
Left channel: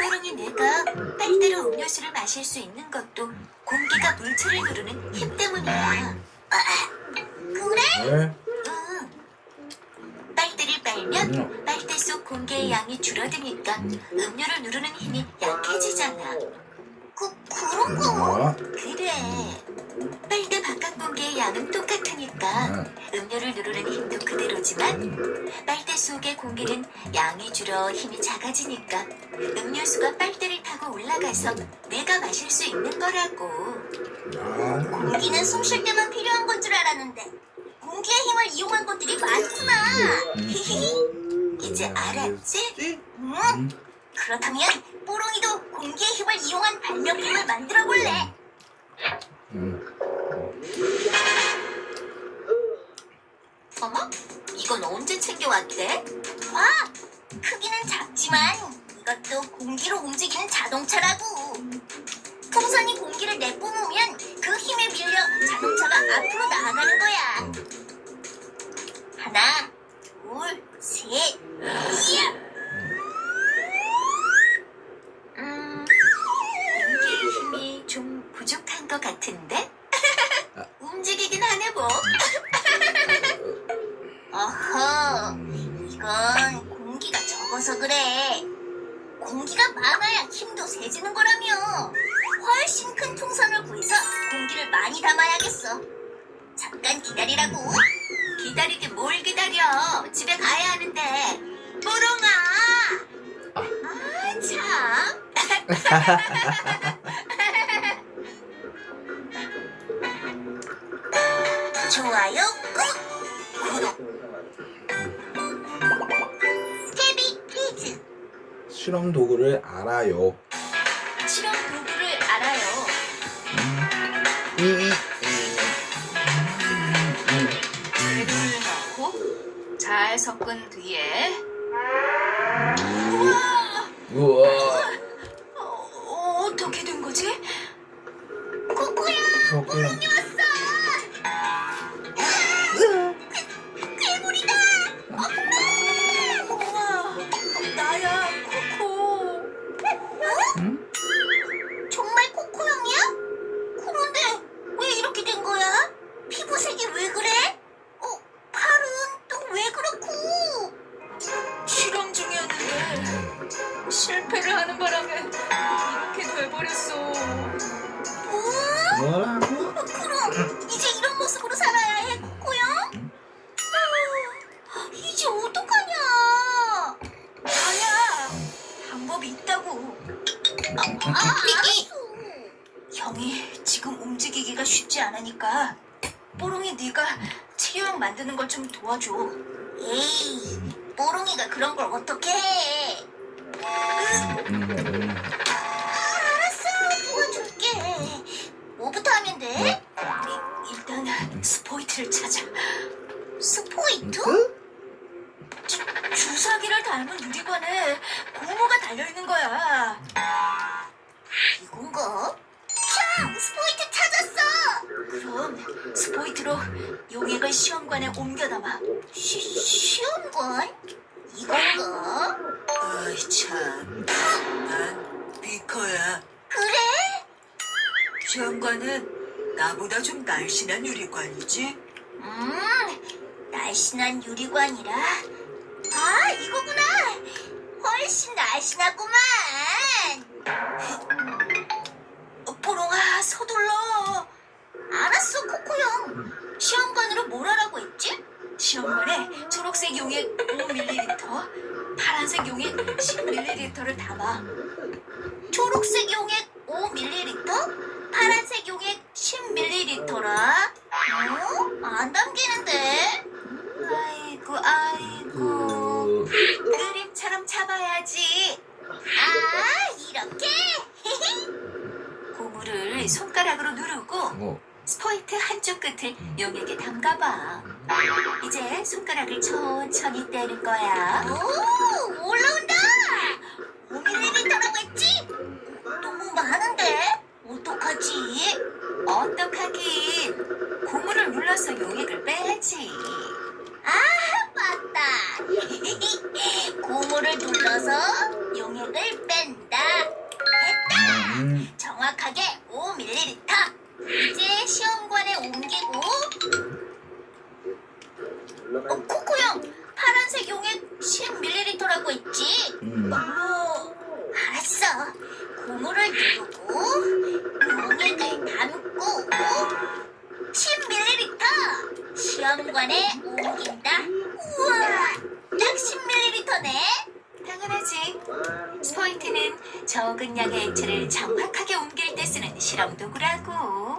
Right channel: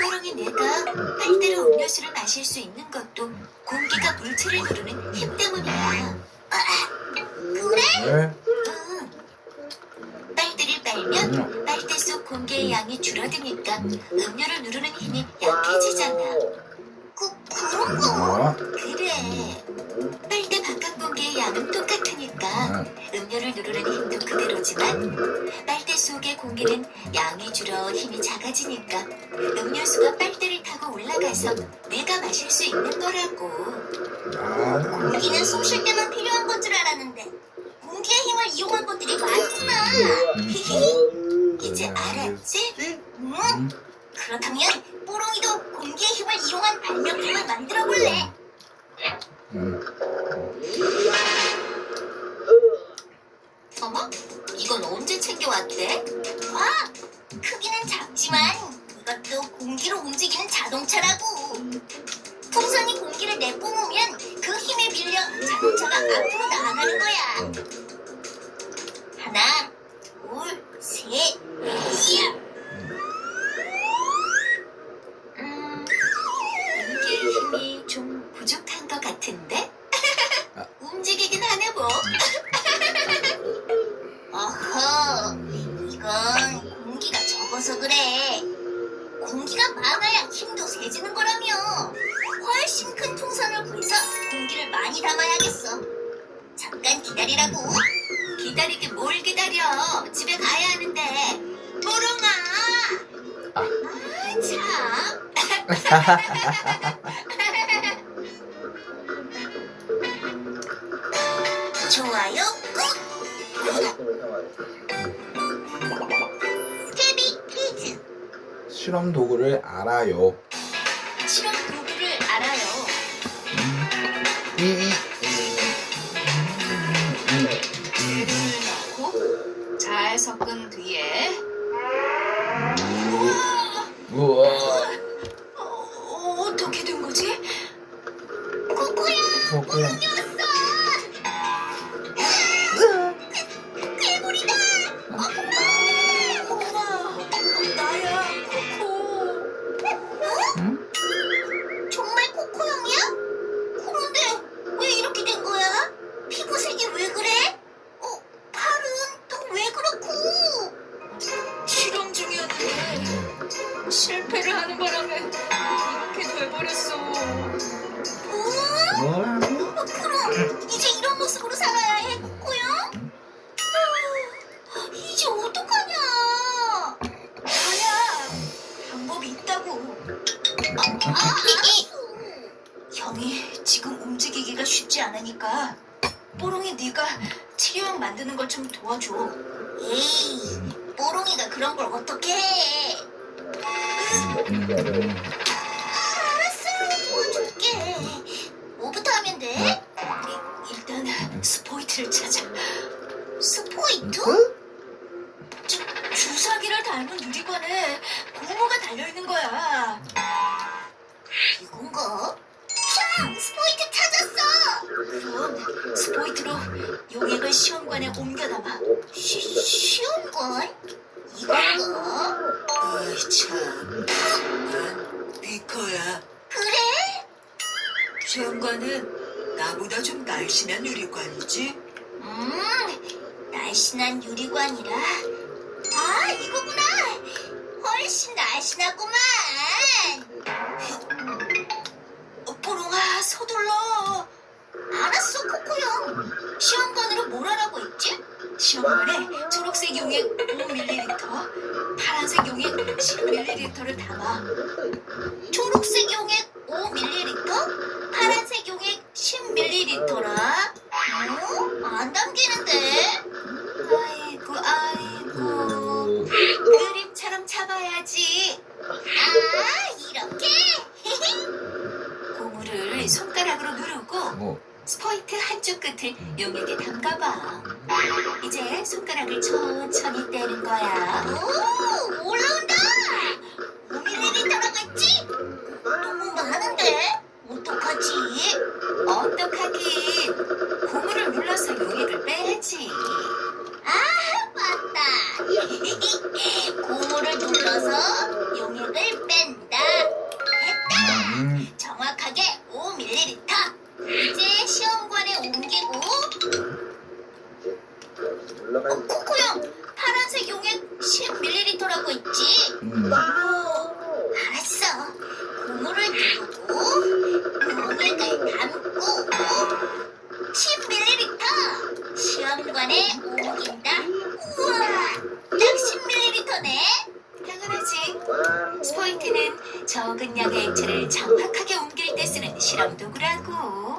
뽀롱이 내가 빨대로 음료수를 마실 수 있는 것도 공기가 물체를 누르는 힘 때문이야. 그래? 응. 빨대를 빨면 빨대 속 공기의 양이 줄어드니까 음료를 누르는 힘이 약해지잖아. 그런가? 그래. 빨대 바깥 공기의 양은 똑같으니까 음료를 누르는 힘도 그대로지만 빨대 속의 공기는 양이 줄어 힘이 작아지니까 음료수가 빨대를 타고 올라가서 내가 마실 수 있는 거라고. 공기는 숨 쉴 때만 필요한 건 줄 알았는데 공기의 힘을 이용한 것들이 많구나. 이제 알았지? 응? 그렇다면 뽀롱이도 공기의 힘을 이용한 발명품을 만들어 볼래. 어머? 이건 언제 챙겨왔대? 크기는 작지만 이것도 공기로 움직이는 자동차라고. 풍선이 공기를 내뿜으면 그 힘에 밀려 자동차 앞으로 나아가는 거야. 하나, 둘, 셋, 이야. 움직일 힘이 좀 부족한 것 같은데? 움직이긴 하네 뭐. 어허, 이건 공기가 적어서 그래. 공기가 많아야 힘도 세지는 거라며. 훨씬 큰 풍선을 구해서 공기를 많이 담아야겠어. 잠깐 기다리라고. 기다리긴 뭘 기다려. 집에 가야 하는데. 뽀롱아. 아, 참. 좋아요 꾹. 구독. 태비 퀴즈. 실험 도구를 알아요. 실험 도구를 알아요. 재료를 넣고 잘 섞은 뒤에 우와. 어떻게 된 거지? 코코야, 코코야. 뽀롱이 왔어. 괴물이다. 우와, 나야, 코코. 응? 정말 코코 형이야? 그런데 왜 이렇게 된 거야? 피부색이 왜 그래? 팔은 또 왜 그렇고? 실험 중이었는데 실패를 하는 바람에 이렇게 돼버렸어. 뭐라고? 그럼 이제 이런 모습으로 살아야 해, 코코형? 이제 어떡하냐? 아야, 방법이 있다고. 알았어. 형이 지금 움직이기가 쉽지 않으니까 뽀롱이 네가 치료형 만드는 걸 좀 도와줘. 에이, 뽀롱이가 그런 걸 어떻게 해? 알았어, 도와줄게. 뭐부터 하면 돼? 일단 스포이트를 찾아. 스포이트? 주사기를 닮은 유리관에 고무가 달려있는 거야. 이건가? 형! 스포이트 찾았어! 그럼 스포이트로 용액을 시험관에 옮겨 담아. 시험관? 이건가? 어이 참, 난 비커야. 그래? 시험관은 나보다 좀 날씬한 유리관이지? 날씬한 유리관이라. 아, 이거구나. 훨씬 날씬하구만. 뽀롱아, 서둘러. 알았어, 코코형. 시험관으로 뭘 하라고 했지? 시험관에 초록색 용액 5ml, 파란색 용액 10ml를 담아. 초록색 용액 5ml, 파란색 용액 10ml라. 안 담기는데? 아이고. 그림처럼 잡아야지. 아, 이렇게? 고무를 손가락으로 누르고 스포이트 한쪽 끝을 용액에 담가봐. 이제 손가락을 천천히 떼는 거야. 오, 올라온다. 5ml라고 했지? 너무 많은데? 어떡하지? 어떡하긴. 고무를 눌러서 용액을 빼야지. 아, 맞다. 고무를 눌러서 용액을 뺀다. 됐다. 정확하게 5ml. 이제 시험관에 옮기고. 코코형, 파란색 용액 10ml라고 했지? 알았어. 고무를 누르고 용액을 담고 10ml 시험관에 옮긴다. 우와, 딱 10ml네. 당연하지. 스포이트는 적은 양의 액체를 정확하게 옮길 때 쓰는 실험 도구라고.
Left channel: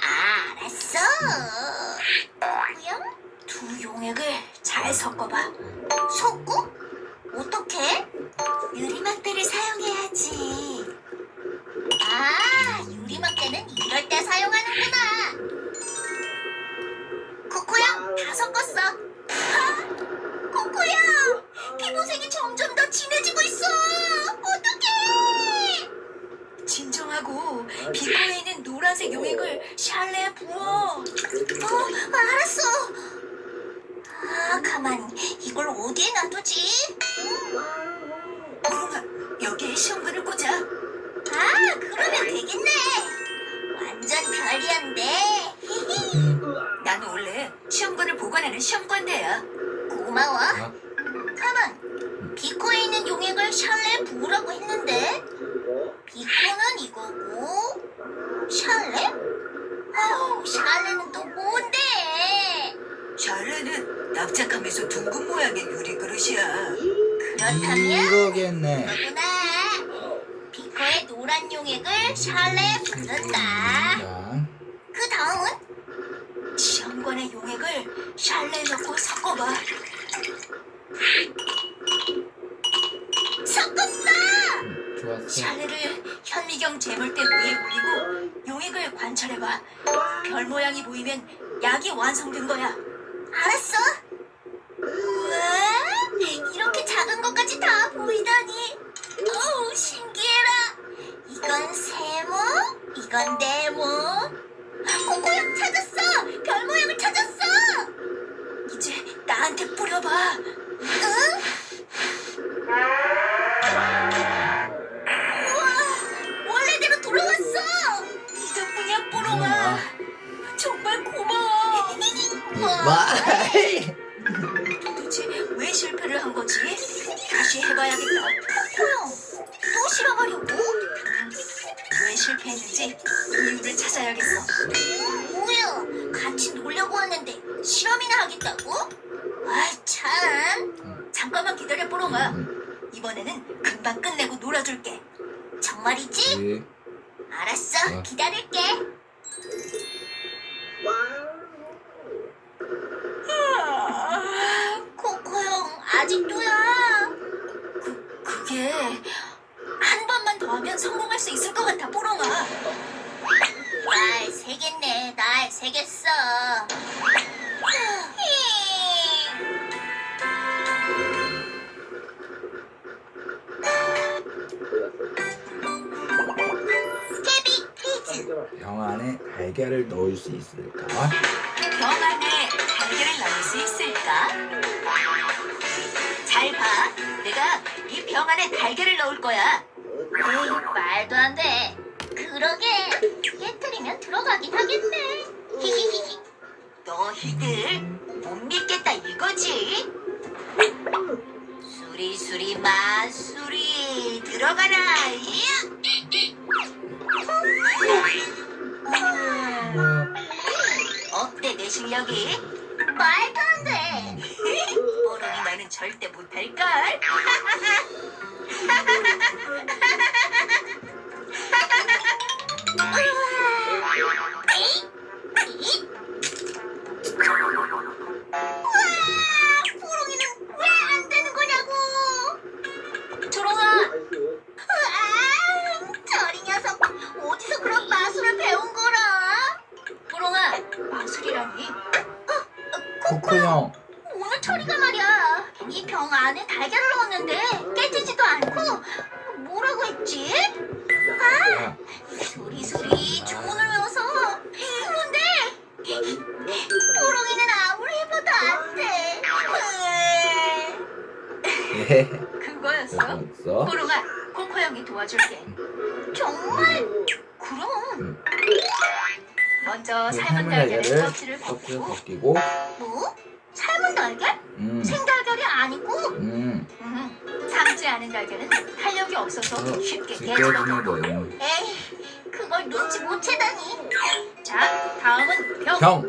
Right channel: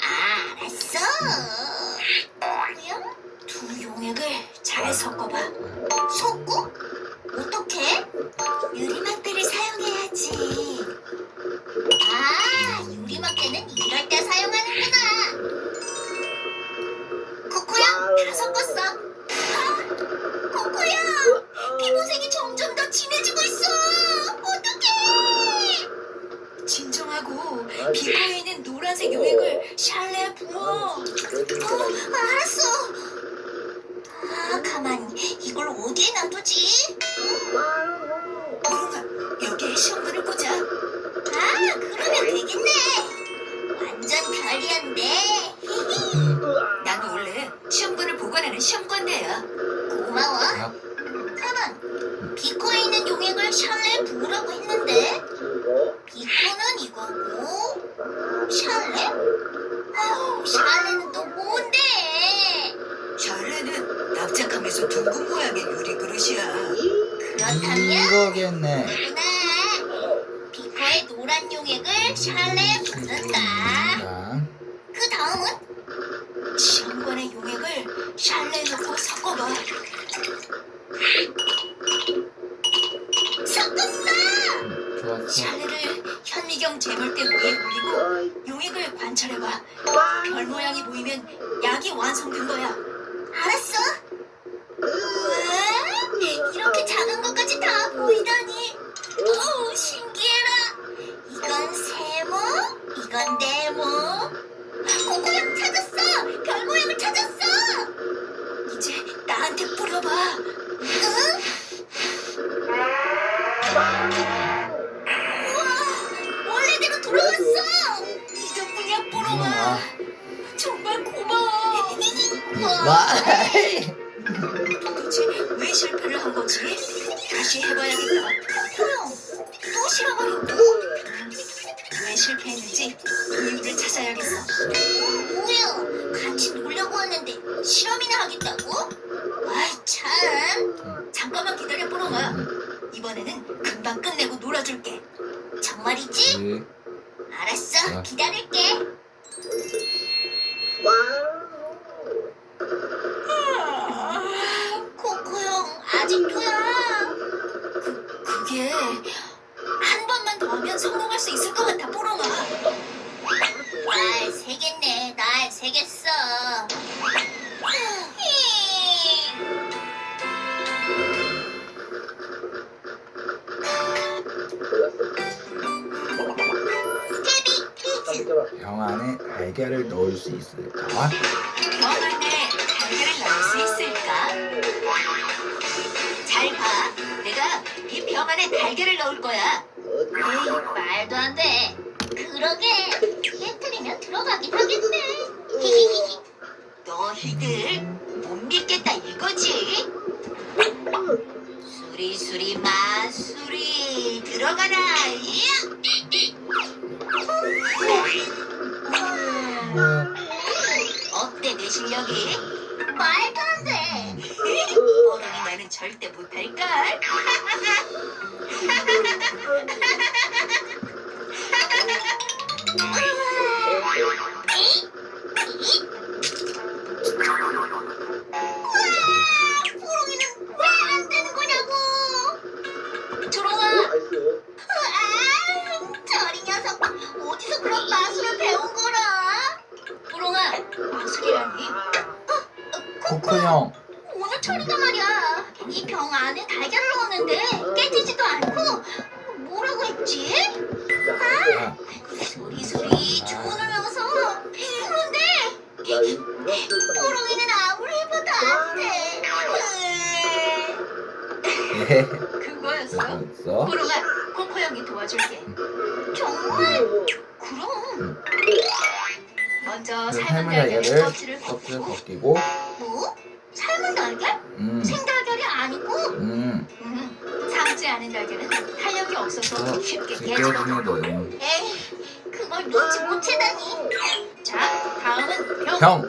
알았어. 그냥 두 용액을 잘 섞어봐. 섞고? 어떻게? 유리막대를 사용해야지. 아, 유리막대는 이럴 때 사용하는구나. 코코야, 다 섞었어. 아, 코코야, 피부색이 점점 더 진해지고 있어. 어떡해? 진정하고 비커에 있는 노란색 용액을 샬레에 부어. 놔두지? 뽀롱아, 여기에 시험관을 꽂아. 아, 그러면 되겠네. 완전 편리한데. 나는 원래 시험관을 보관하는 시험관대야. 고마워. 아, 가만. 비코에 있는 용액을 샬레에 부으라고 했는데 비코는 이거고 샬레? 아우, 샬레는 또 뭔데? 샬레는 납작하면서 둥근 모양의 유리 그릇이야. 그렇다면 이거겠네. 그렇구나. 비코에 노란 용액을 샬레에 붓는다. 자, 그 다음은 시험관의 용액을 샬레에 넣고 섞어봐. 섞었어! 좋았어. 샬레를 현미경 재물대 위에 올리고 용액을 관찰해봐. 별 모양이 보이면 약이 완성된 거야. 알았어? 우와, 이렇게 작은 것까지 다 보이다니. 어우, 신기해라. 이건 세모, 이건 네모. 코코야, 찾았어! 별 모양을 찾았어! 이제 나한테 뿌려봐. 응? 우와, 원래대로 돌아왔어. 이 덕분이야, 뽀롱아. 정말 고마워. 와. 도대체 왜 실패를 한 거지? 다시 해봐야겠다. 또 실험하려고? 왜 실패했는지 이유를 찾아야겠어. 뭐야? 같이 놀려고 하는데 실험이나 하겠다고? 아, 참. 잠깐만 기다려, 뽀롱아. 이번에는 금방 끝내고 놀아줄게. 정말이지? 네. 알았어, 기다릴게. 코코 형, 아직도야? 그게 한 번만 더 하면 성공할 수 있을 것 같아, 뽀롱아. 날 새겠네, 날 새겠어. 케비, 퀴즈. 병 안에 달걀을 넣을 수 있을까? 병 안에 달걀을 넣을 수 있을까? 잘 봐. 내가 이 병 안에 달걀을 넣을 거야. 에이, 말도 안 돼. 그러게. 깨뜨리면 들어가긴 하겠네. 히히히히. 너희들 못 믿겠다 이거지? 수리수리 마수리 들어가라. 어때 내 실력이? 말도 안 돼. 뽀롱이 나는 절대 못할걸. 뽀롱이는 왜 안 되는 거냐고. 조롱아. 저리 녀석. 어디서 그런 마술을 배운 거라? 뽀롱아, 마술이라니? 코코 형. 오늘 철이가 말이야. 이 병 안에 달걀을 넣었는데 깨지지도 않고 뭐라고 했지? 야, 소리 주문을 넣어서 그런데 뽀롱이는 아무리 해봐도 안 돼. 예. 그거였어? 됐어. 뽀롱아, 코코 형이 도와줄게. 정말? 그럼. 먼저 그 삶은 삶은 달걀에 달걀을 껍질을 껍질을 벗기고. 벗기고. 뭐? 삶은 달걀? 생달걀이 아니고? 삶지 않은 달걀은 탄력이 없어서 쉽게 깨지거든. 깨지거든. 에이, 그걸 눈치 못 채다니. 자, 다음은 병. 병.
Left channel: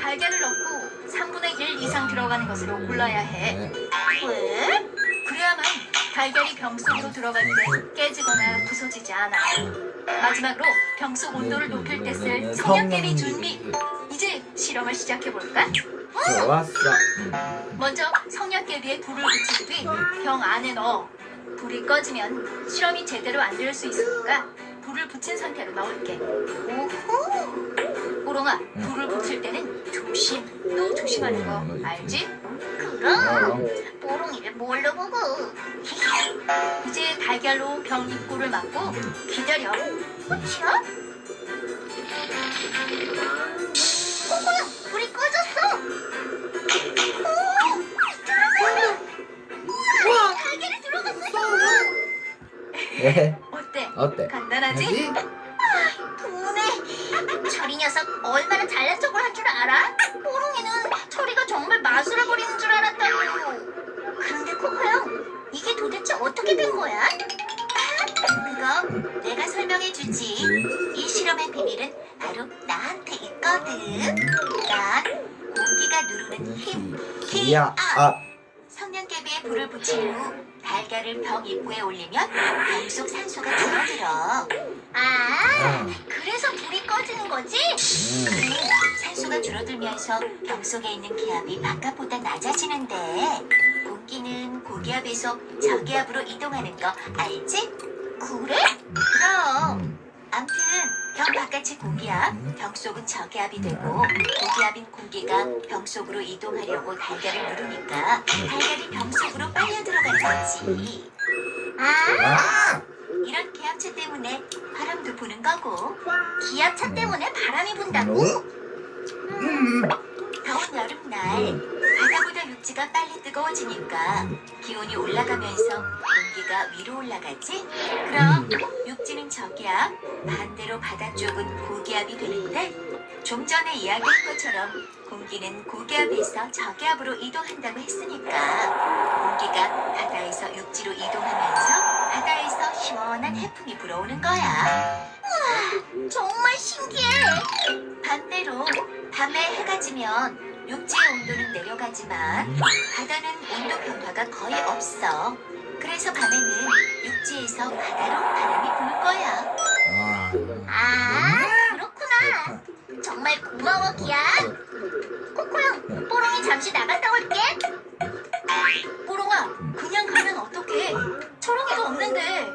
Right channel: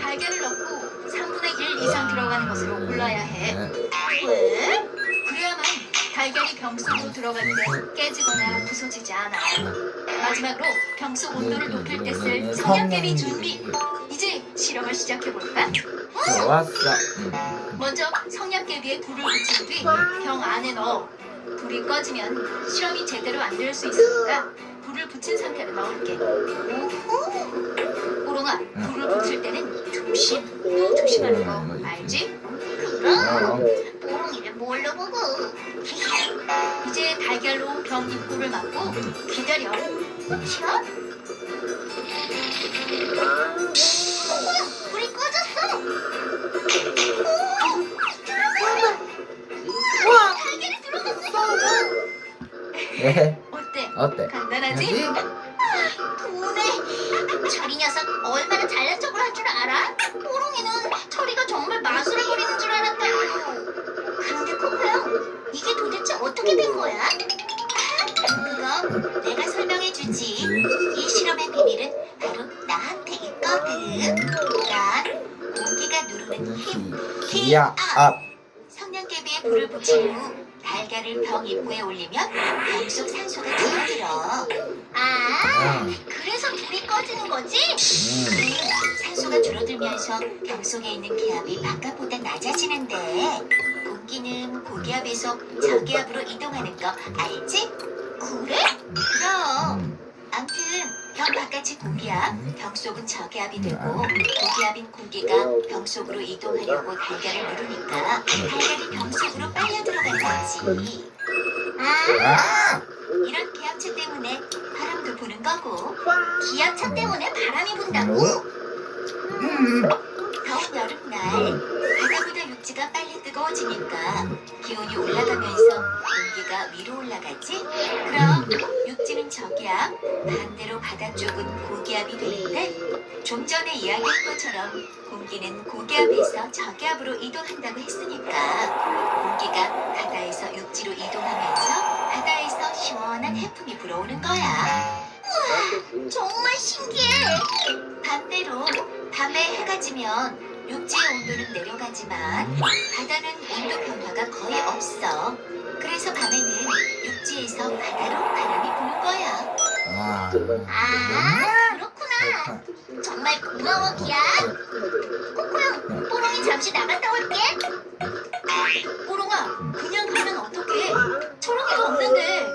달걀을 넣고 3분의 1 이상 들어가는 것으로 골라야 해. 네. 왜? 그래야만 달걀이 병 속으로 들어갈 때 깨지거나 부서지지 않아. 마지막으로 병 속 온도를 높일 때 쓸 성냥개비 준비. 이제 실험을 시작해볼까? 좋았어. 먼저 성냥개비에 불을 붙인 뒤 병 안에 넣어. 불이 꺼지면 실험이 제대로 안 될 수 있으니까 불을 붙인 상태로 넣을게. 오호! 뽀롱아, 불을 붙일 때는 조심. 너 조심하는 거 알지? 그럼 뽀롱이를 뭘로 보고. 이제 달걀로 병 입구를 막고 기다려. 그쵸? 코코야, 불이 꺼졌어. 오! 예. 어때? 어때? 간단하지? 하지? 도네. 철이 녀석 얼마나 잘난 척을 할 줄 알아? 뽀롱이는 철이가 정말 마술을 부리는 줄 알았다고. 그런데 코코형, 이게 도대체 어떻게 된 거야? 그거 내가 설명해 주지. 이 실험의 비밀은 바로 나한테 있거든. 난 공기가 누르는 힘, 기야 앞. 성냥개비에 불을 붙인 후 달걀을 병 입구에 올리면 병 속 산소가 줄어들어. 그래서 불이 꺼지는 거지? 산소가 줄어들면서 병 속에 있는 기압이 바깥보다 낮아지는데 공기는 고기압에서 저기압으로 이동하는 거 알지? 그래? 그럼. 암튼 병 바깥이 고기압, 병 속은 저기압이 되고 고기압인 공기가 병 속으로 이동하려고 달걀을 누르니까 달걀이 병 속으로 빨려 들어가는 거지. 이런 기압차 때문에 바람도 부는 거고. 기압차 때문에 바람이 분다고? 더운 여름날 바다보다 육지가 빨리 뜨거워지니까 기온이 올라가면서 공기가 위로 올라가지? 그럼 육지는 저기압, 반대로 바다 쪽은 고기압이 되는데 좀 전에 이야기한 것처럼 공기는 고기압에서 저기압으로 이동한다고 했으니까 공기가 바다에서 육지로 이동하면서 바다에서 시원한 해풍이 불어오는 거야. 우와, 정말 신기해. 반대로 밤에 해가 지면 육지의 온도는 내려가지만 바다는 온도 변화가 거의 없어. 그래서 밤에는 육지에서 바다로 바람이 부는 거야. 그렇구나. 정말 고마워, 기야. 코코형, 뽀롱이 잠시 나갔다 올게. 뽀롱아, 그냥 가면 어떡해? 초롱이도 없는데.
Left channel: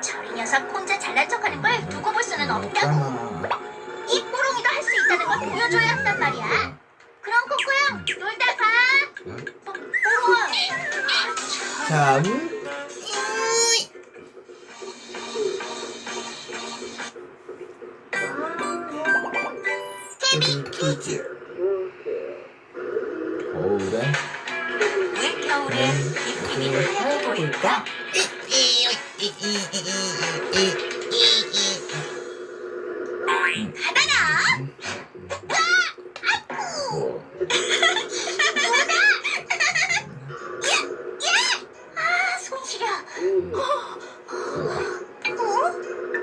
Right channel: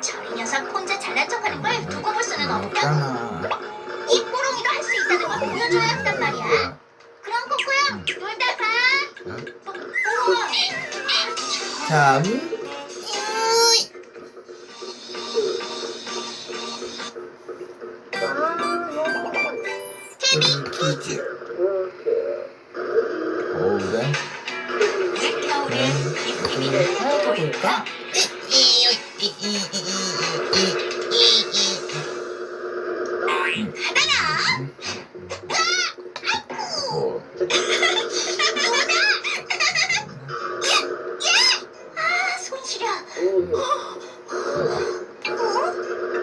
저이 녀석 혼자 잘난 척하는 걸 두고 볼 수는 없다고. 이 뽀롱이도 할 수 있다는 걸 보여줘야 한단 말이야. 그럼 코코형, 놀다 가. 뽀롱아. 참. 퀴즈. 겨울에 왜 겨울엔 입김이 하얗게 보일까? 손 시려.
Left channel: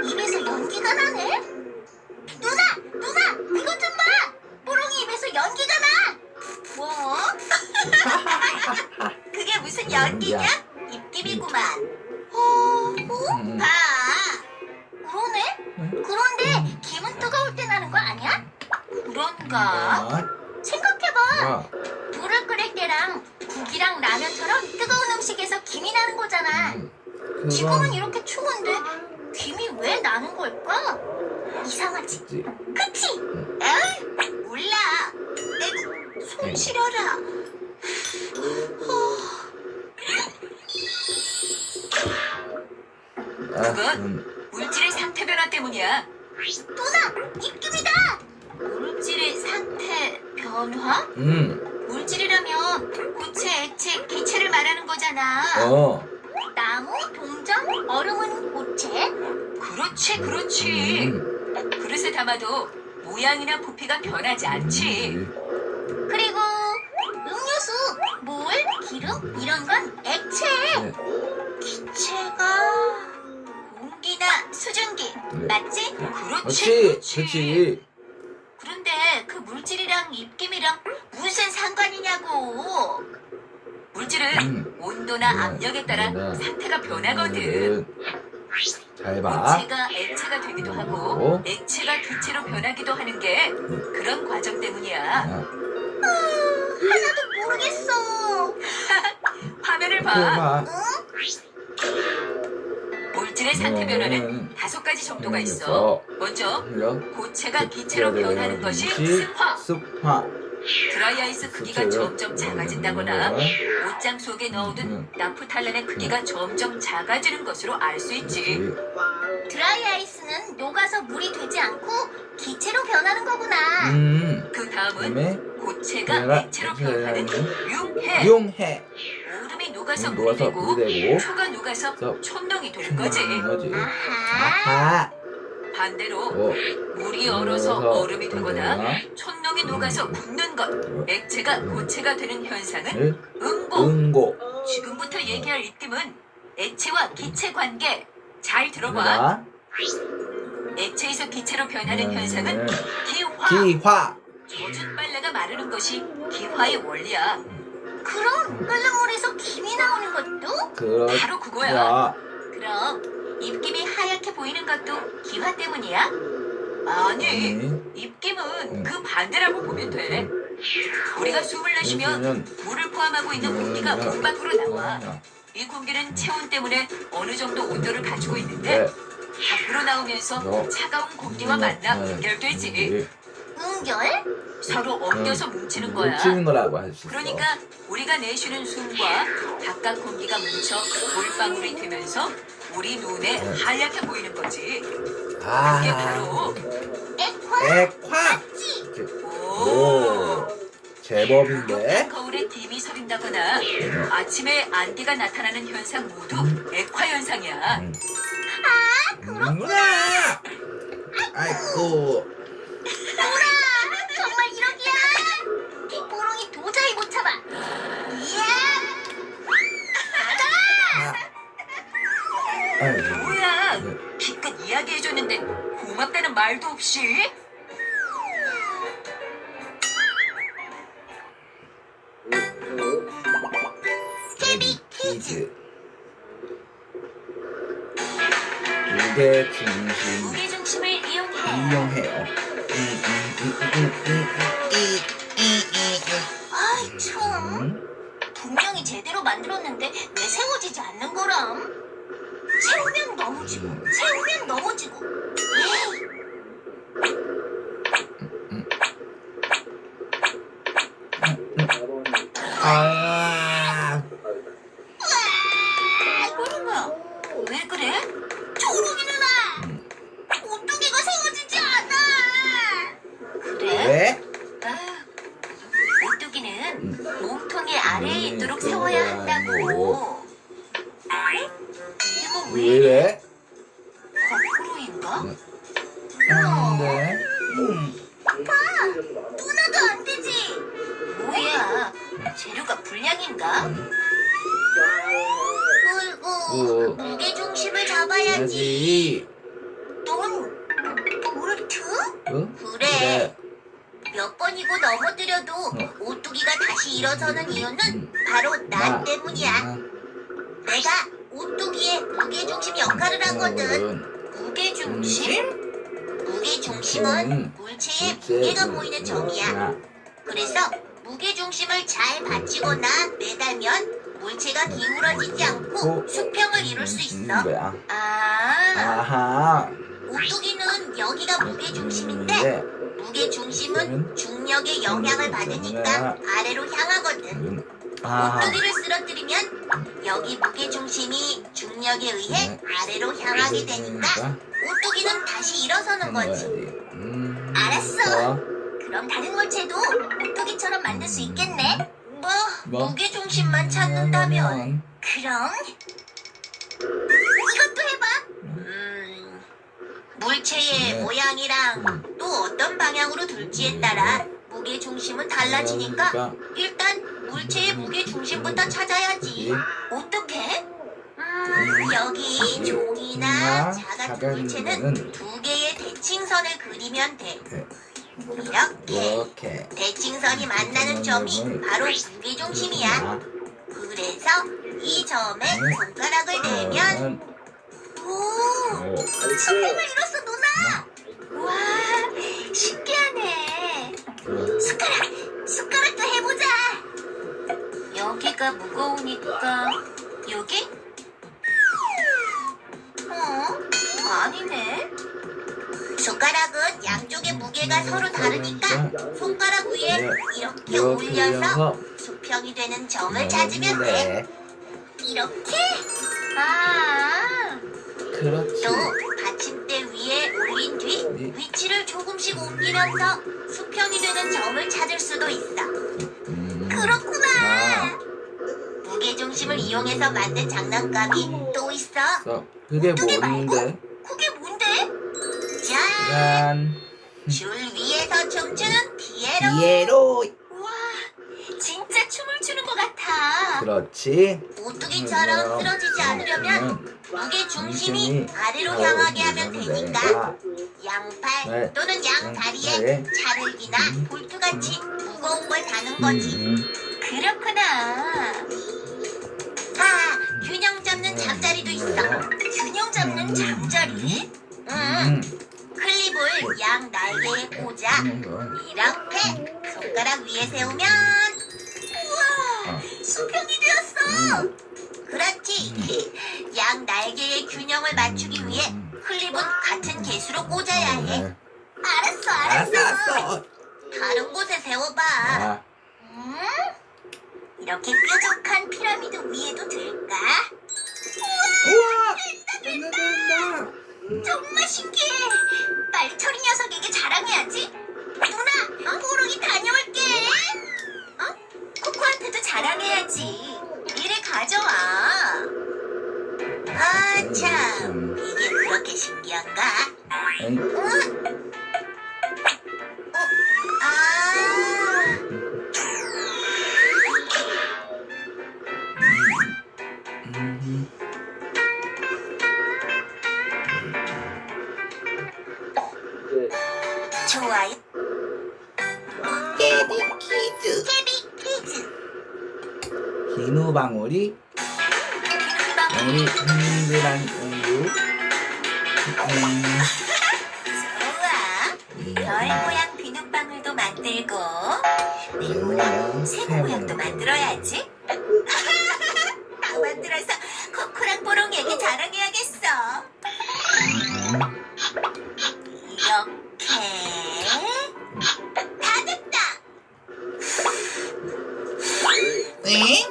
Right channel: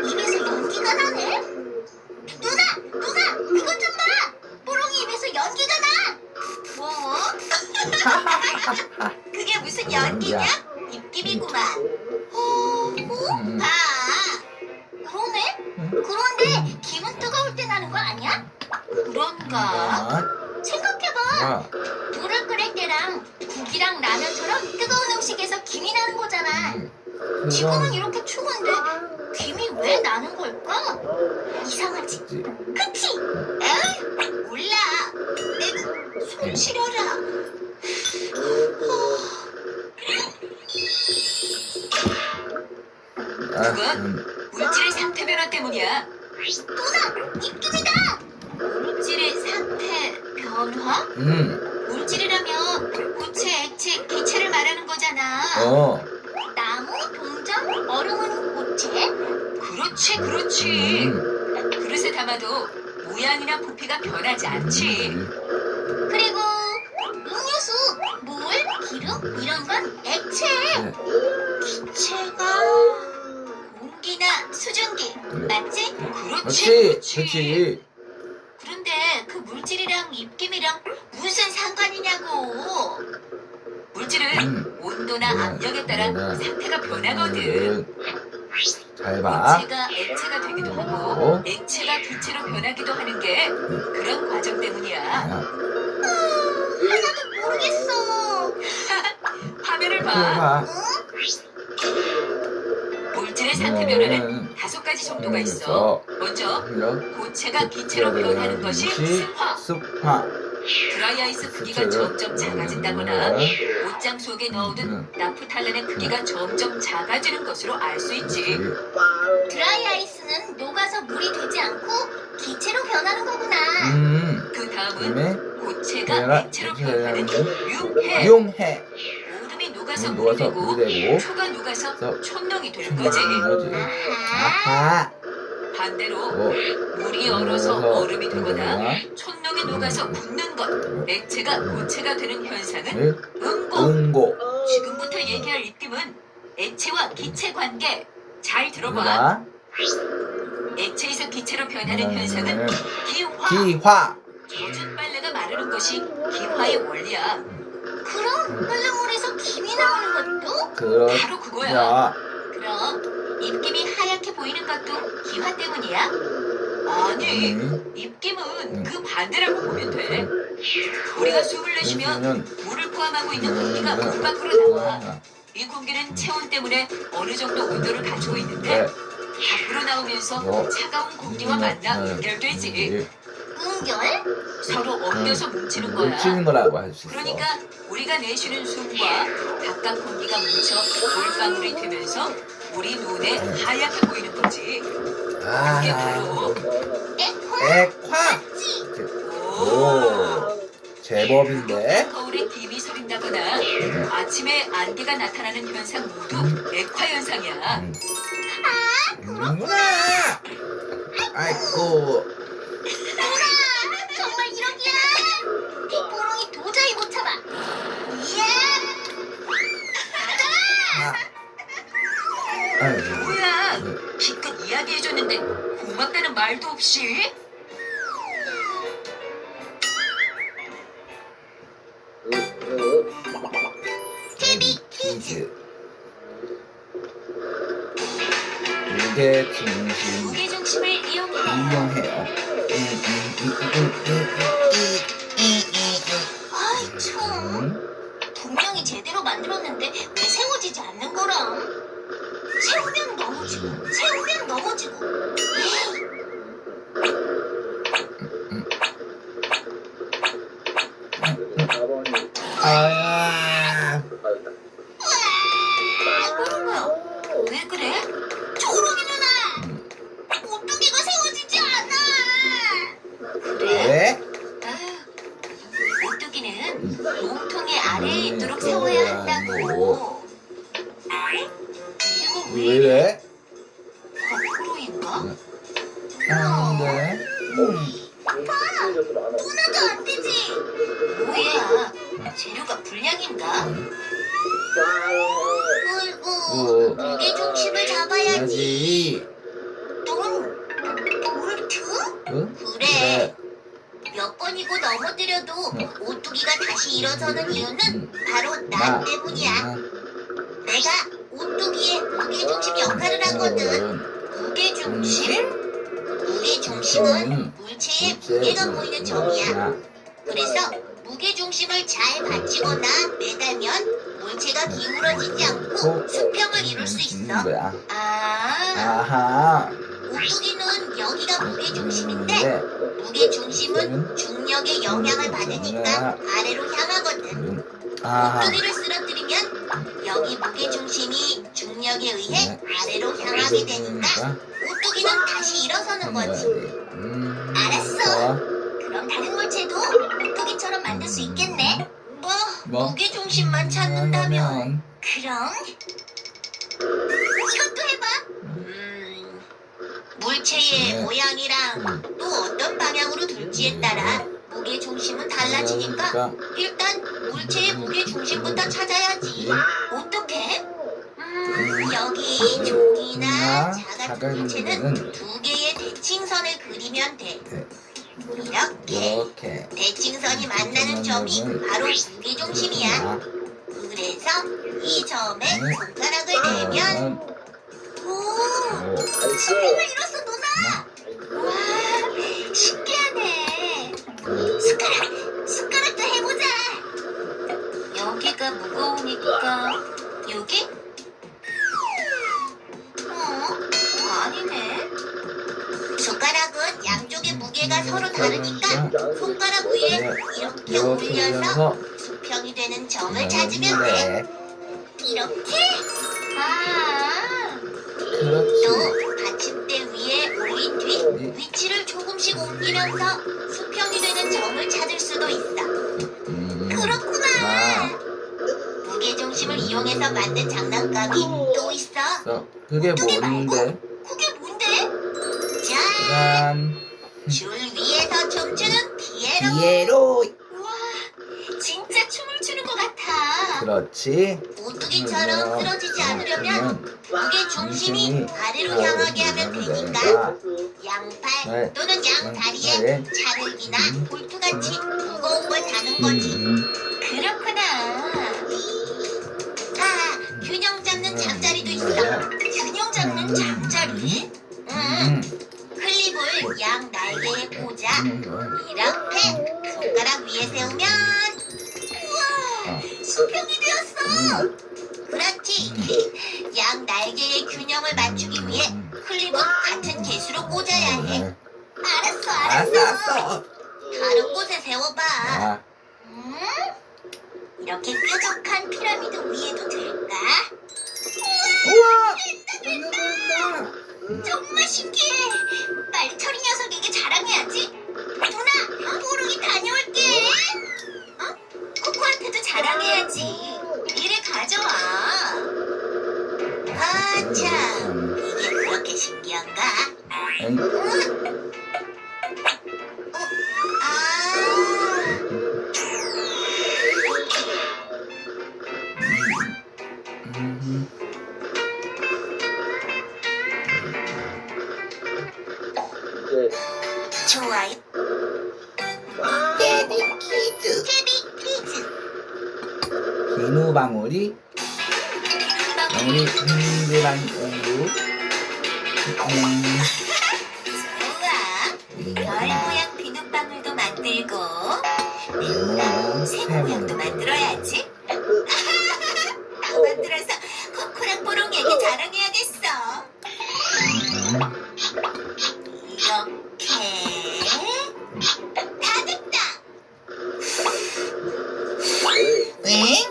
입에서 연기가 나네? 누나! 이것 좀 봐! 뽀롱이 입에서 연기가 나! 뭐? 그게 무슨 연기냐? 입김이구만. 봐. 그러네? 그런데 기분 뜨거울 때 나는 거 아니야? 그런가? 생각해봐. 물을 끓일 때랑 국이랑 라면처럼 뜨거운 음식에서 김이 나는 거잖아. 지금은 이렇게 추운데 김이 왜 나는 걸까? 이상하지? 그치? 에이, 몰라. 에이, 손 시려라. 그건 물질의 상태 변화 때문이야. 누나, 입김이다. 물질의 상태 변화? 물질이라면 고체, 액체, 기체를 말하는 거잖아. 나무, 동전, 얼음은 고체? 그렇지. 그릇에 담아도 모양이나 부피가 변하지 않지. 그리고 음료수, 물, 기름 이런 건 액체. 기체가 공기나 수증기 맞지? 그렇지. 그런데 그 물질이랑 입김이랑 무슨 상관이냐고. 물질은 온도나 압력에 따라 상태가 변하거든. 잘 봐. 고체가 액체가 되기도 하고 액체가 기체로 변하기도 하는 게 그런 과정 때문이야. 하나도 모르겠어. 화면을 봐. 응? 물질의 상태 변화는 5가지 정도가 있어. 먼저 고체가 기체로 변하는 것이 습화. 드라이아이스 크기가 점점 작아진다거나 옷장 속에 넣어둔 나프탈렌의 크기가 점점 작아지는 것으로 알 수 있지. 드라이아이스는 녹아서 물이 되지 않고 기체로 변하는 거구나. 그 다음은 고체가 액체로 변하는 융해. 용해. 얼음이 녹아 녹아서 녹아서 물이 물이 되고 되고 초가 녹아서 그래서 촌농이 되는 거지. 거지. 아하. 아하. 반대로 오. 물이 얼어서 얼음이 되거나 되거나 촌농이 녹아서 굳는 것, 액체가 고체가 되는 현상은 을 응고. 응고. 지금부터 얘기할 입김은 액체와 기체 관계. 잘 들어봐. 자, 액체에서 기체로 변하는 현상은 기화. 기화. 젖은 빨래가 마르는 것이 기화의 원리야. 그럼 끓는 물에서 김이 나오는 것도 바로 그거야. 야. 그럼 입김이 하얗게 보이는 것도 기화 때문이야? 아니, 입김은 그 반대라고 보면 돼. 우리가 숨을 내쉬면 물을 포함하고 있는 공기가 문 밖으로 나와. 이 공기는 체온 때문에 어느 정도 온도를 갖추고 있는데 밖으로 나오면서 차가운 공기와 만나 연결되지. 연결? 서로 엉겨서 뭉치는 거야. 뭉치는 거라고 할 수 있어. 그러니까 우리가 내쉬는 숨과 바깥 공기가 뭉쳐 물방울이 되면서 우리 눈에 하얗게 보이는 거지. 그게 바로 액화. 오. 오. 제법인데. 거울에 dim이 서린다거나 아침에 안개가 나타나는 현상 모두 액화 현상이야. 그렇구나. 아이고. 정말 이러기야? 빗구렁이 도저히 못 참아. 이야! 아이고. 뭐야? 기껏 이야기해줬는데 고맙다는 말도 없이? 데뷔 퀴즈. 무게 중심 무게 중심을 이용해. 이용해요. 아이 참. 분명히 제대로 만들었는데 왜 세워지지 않는 거람? 세우면 넘어지고 세우면 넘어지고. 에이. 아야. 왜 그래? 초록이 누나! 오뚜기가 세워지지 않아! 그래? 왜? 오뚜기는 몸통이 아래에 있도록 세워야 한다고. 이거 왜 왜 이래? 이래? 거꾸로인가? 안돼. 누나도 안 되지! 뭐야? 재료가 불량인가? 어이구, 무게 중심을 잡아야지. 해야지. 넌 볼트? 응? 그래. 몇 번이고 넘어뜨려도 오뚜기가 다시 일어서는 이유는 바로 나 때문이야. 내가 오뚜기의 무게중심 역할을 하거든. 무게중심? 무게중심은 물체의 무게가 보이는 점이야. 그래서 무게중심을 잘 받치거나 매달면 물체가 기울어지지 않고 수평을 이룰 수 있어. 거야. 아, 아하. 오뚜기는 여기가 무게중심인데 무게중심은 중력의 영향을 받으니까 아래로 향하거든. 아하. 오뚜기를 쓰러뜨리면 여기 무게중심이 중력에 의해 아래로 향하게 되니까 오뚜기는 다시 일어서는 거지. 알았어. 그럼 다른 물체도 오뚜기처럼 만들 수 있겠네. 뭐? 무게중심만 찾는다면 그럼 이것도 해봐. 물체의 네. 모양이랑 또 어떤 방향으로 둘지에 따라 무게중심은 달라지니까 일단 물체의 무게중심부터 찾아야지. 어떻게? 여기 종이나 작은 물체는 두 개의 대칭선을 그리면 돼. 이렇게 이렇게. 대칭선이 만나는 점이 바로 무게중심이야. 그래서 이 점에 손가락을 대면 오! 수평을 이뤘어 누나! 와 신기하네. 숟가락도 해보자. 여기가 무거우니까 여기? 아니네. 숟가락은 양쪽의 무게가 서로 다르니까 손가락 위에 이렇게 올려서 수평이 되는 점을 찾으면 돼. 이렇게? 아. 그렇지. 또 받침대 위에 올린 뒤 위치를 조금씩 옮기면서 수평이 되는 점을 찾을 수도 있어. 그렇구나. 무게중심을 이용 이용해서 만든 장난감이 또 있어. 그게 뭔데? 그게 뭔데? 짠! 짠. 줄 위에서 춤추는 피에로. 피에로. 우와, 진짜 춤을 추는 것 같아. 그렇지. 오뚜기처럼 쓰러지지 않으려면 무게 중심이 아래로 향하게 하면 되니까 양팔 또는 양다리에 자르기나 볼트같이 무거운 걸 다는 거지. 그렇구나. 아, 균형 잡는 잠자리도 있어. 균형 잡는 잠자리? 클립을 양 날개에 꽂아 이렇게 손가락 위에 세우면 우와, 수평이 되었어. 그렇지. 양 날개의 균형을 맞추기 위해 클립은 같은 개수로 꽂아야 해. 알았어. 알았어. 다른 곳에 세워봐. 아, 이렇게 뾰족한 피라미드 위에도 될까? 우와. 된다. 정말 신기해. 빨리 철이 녀석에게 자랑해야지. 누나, 뽀록이 다녀올게. 코코한테도 자랑해야지. 이리 가져와. 아, 참. 이게 그렇게 신기한가? 좋아요. 깨비 퀴즈. 깨비 퀴즈. 비누방울이 방울이 동그란 우유. 좋아. 별 모양 비눗방울도 만들고 새 모양 모양도 만들어야지. 다 만들어서 코코랑 뽀롱이에게 자랑해야겠어. 이렇게 다 됐다. 네?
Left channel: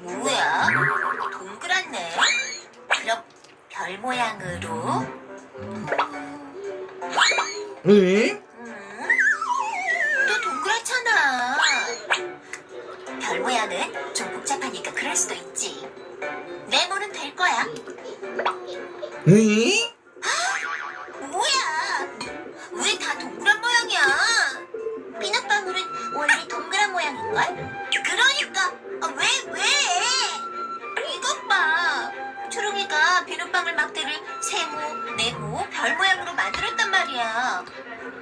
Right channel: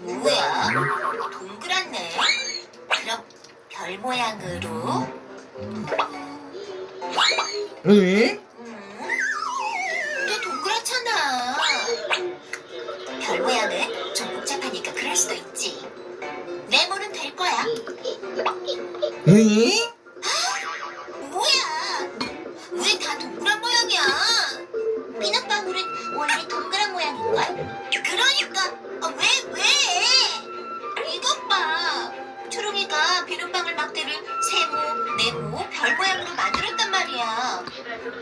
뭐야? 동그랗네. 그럼 별 모양으로. 응? 또 동그랗잖아. 별 모양은 좀 복잡하니까 그럴 수도 있지. 네모는 될 거야. 응? 뭐야? 왜 다 동그란 모양이야? 비눗방울은 원래 동그란 모양인걸? 그러니까 왜? 이것 봐. 초롱이가 비눗방울 막대를 세모, 네모, 별 모양으로 만들었단 말이야.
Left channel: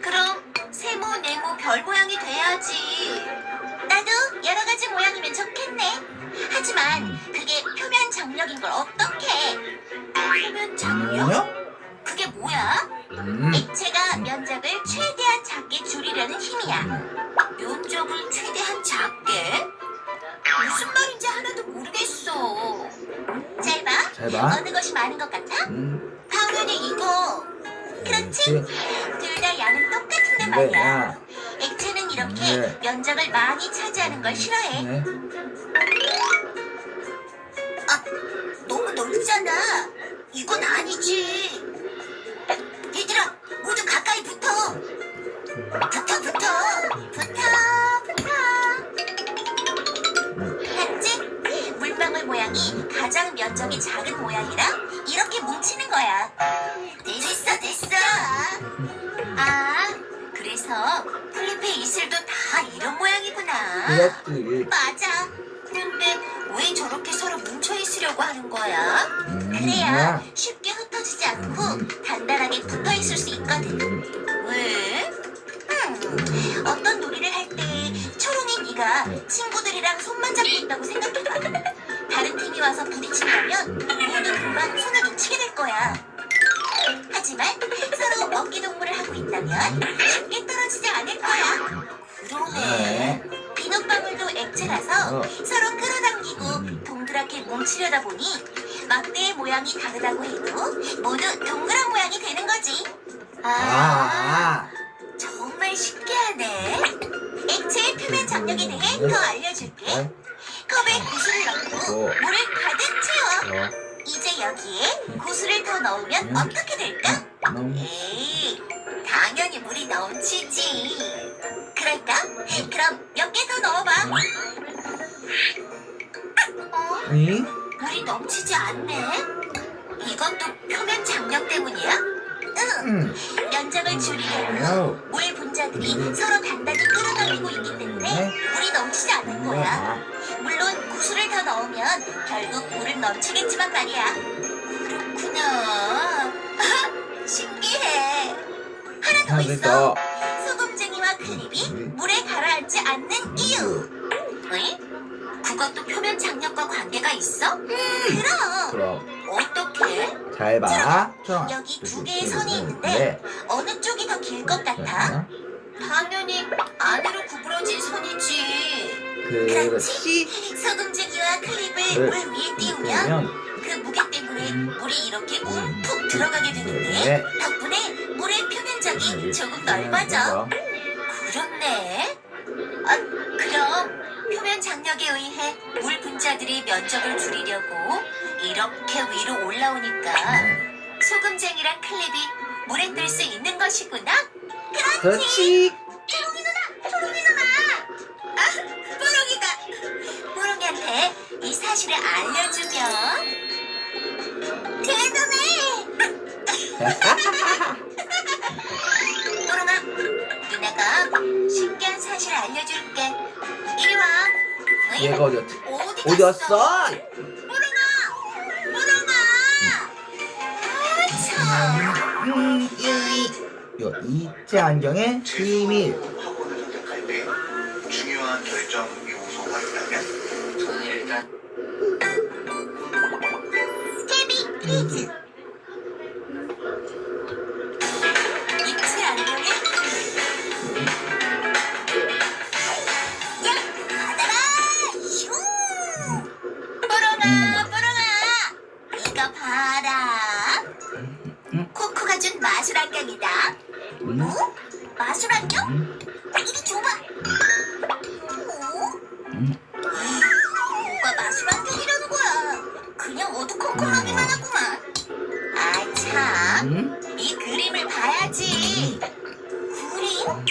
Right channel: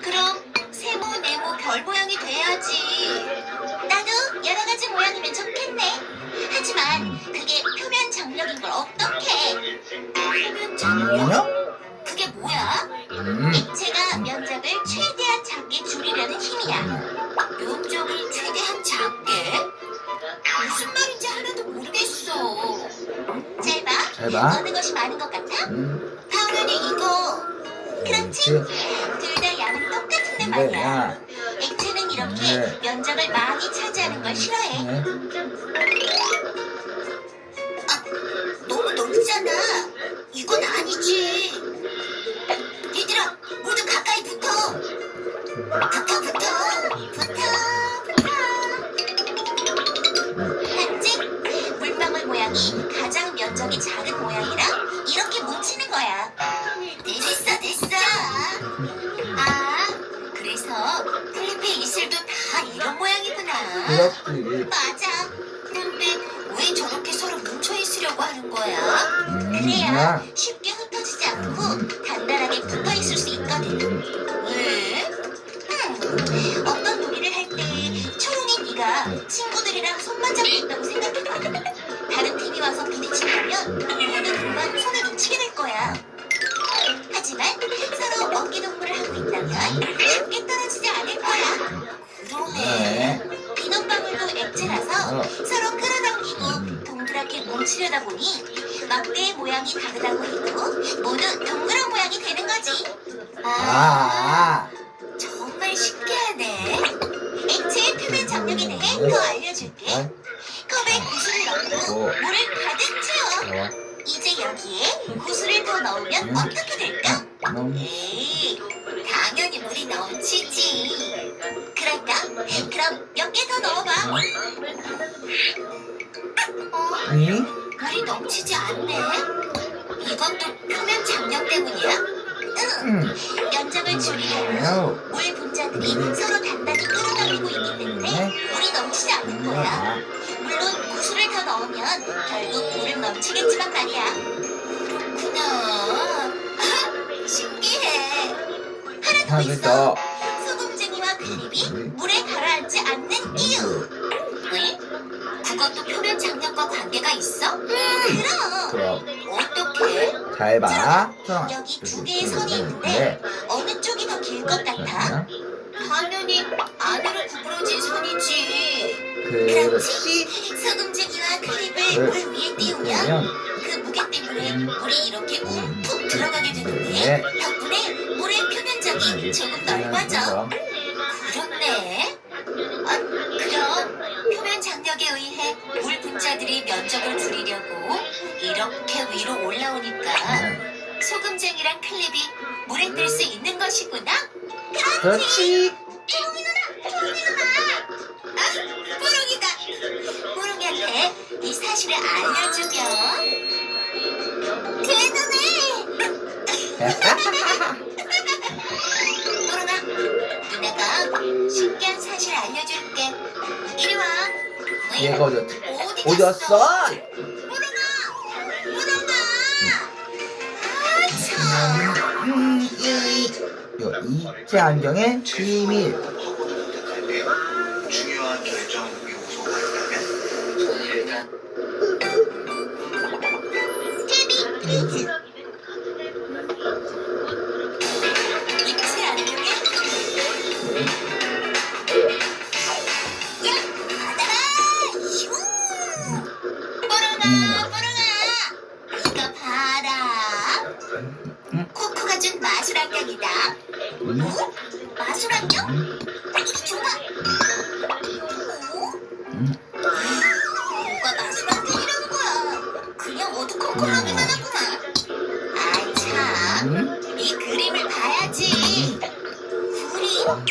그럼 세모, 네모, 별 모양이 돼야지. 나도 여러 가지 모양이면 좋겠네. 하지만 그게 표면 장력인 걸 어떡해? 표면 장력? 장력? 그게 뭐야? 액체가 면적을 최대한 작게 줄이려는 힘이야. 면적을 최대한 작게? 무슨 말인지 하나도 모르겠어. 잘 봐. 잘 봐. 어느 것이 많은 것 같아? 당연히 이거. 그렇지? 둘 다 양은 똑같은데 말이야. 야. 액체는 이렇게 네. 면적을 많이 차지하는 걸 싫어해. 네. 너무 넓잖아. 이건 아니지. 얘들아, 모두 가까이 붙어. 봤지? 물방울 모양이 가장 면적이 작은 모양이라 이렇게 뭉치는 거야. 됐어. 아, 그래서 클리프의 이슬도 다 이런 모양이구나. 그렇지. 맞아. 그런데 왜 저렇게 서로 뭉쳐 있으려고 하는 거야? 그래야 쉽게 흩어지지 않고 단단하게 붙어 있을 수 있거든. 왜? 어떤 놀이를 할 때 초롱이 네가 친구들이랑 손만 잡고 있다고 생각해봐. 다른 팀이 와서 부딪히면 모두 금방 손을 놓치게 될 거야. 하지만 서로 먹기동물을 하고 있다면 쉽게 떨어지지 않을 거야. 그러네. 비눗방울도 액체라서 서로 끌어당기고 동그랗게 뭉치려다 보니 막대의 모양이 다르다고 해도 모두 동그란 모양이 되는 거지. 정말 신기하네. 액체의 표면 장력에 대해 더 알려줄게. 컵에 구슬을 넣고 물을 가득 채워. 이제 여기에 구슬을 더 넣으면 어떻게 될까? 에이, 당연히 물이 넘치지. 그럴까? 그럼 몇 개 더 넣어봐. 응? 물이 넘치지 않네. 이것도 표면 장력 때문이야? 응. 응. 면적을 줄이려면 아우. 물 분자들이 서로 단단히 끌어당기고 있기 때문에 물이 넘치지 않는 거야. 물론 구슬을 더 넣으면 결국 물은 넘치겠지만 말이야. 그렇구나. 신기해. 하나 더 있어. 하면서 소금쟁이와 클립이 물에 가라앉지 않는 이유. 응? 그것도 표면 장력과 관계가 있어? 그럼. 어떻게? 잘 봐. 초롱아. 여기 두 개의 선이 있는데 어느 쪽이 더 길 것 같아? 당연히 안으로 구부러진 선이지. 그렇지. 소금쟁이와 클립을 물 물 위에 띄우면 그러면 그 무게 때문에 물이 이렇게 움푹 들어가게 되는데 네. 덕분에 물의 표면적이 조금 넓어져. 그렇네. 아, 그럼 표면 장력에 의해 물 분자들이 면적을 줄이려고 이렇게 위로 올라오니까 소금쟁이랑 클립이 물에 뜰 수 있는 것이구나. 그렇지. 뽀롱이다. 뽀롱이한테 이 사실을 알려주면 대단해. 뽀롱아, 누나가 신기한 사실 알려줄게. 이리 와. 얘가 어디였지? 어디 갔어? 어디였어? 뽀롱아, 뽀롱아. 아, 참. 이거 이체 안경의 비밀. 중요한 결정 요소가 있다면 스테비 퀴즈. 입체 안경의 야, 받아라! 슝! 뽀롱아, 뽀롱아! 이거 봐라. 코코가 준 마술 안경이다. 어? 마술 안경? 이리 줘봐. 어? 뭐가 마술 안경이라는 거야? 그냥 어두컴컴하기만 하구만. 아, 참. 이 그림을 봐야지. 그림?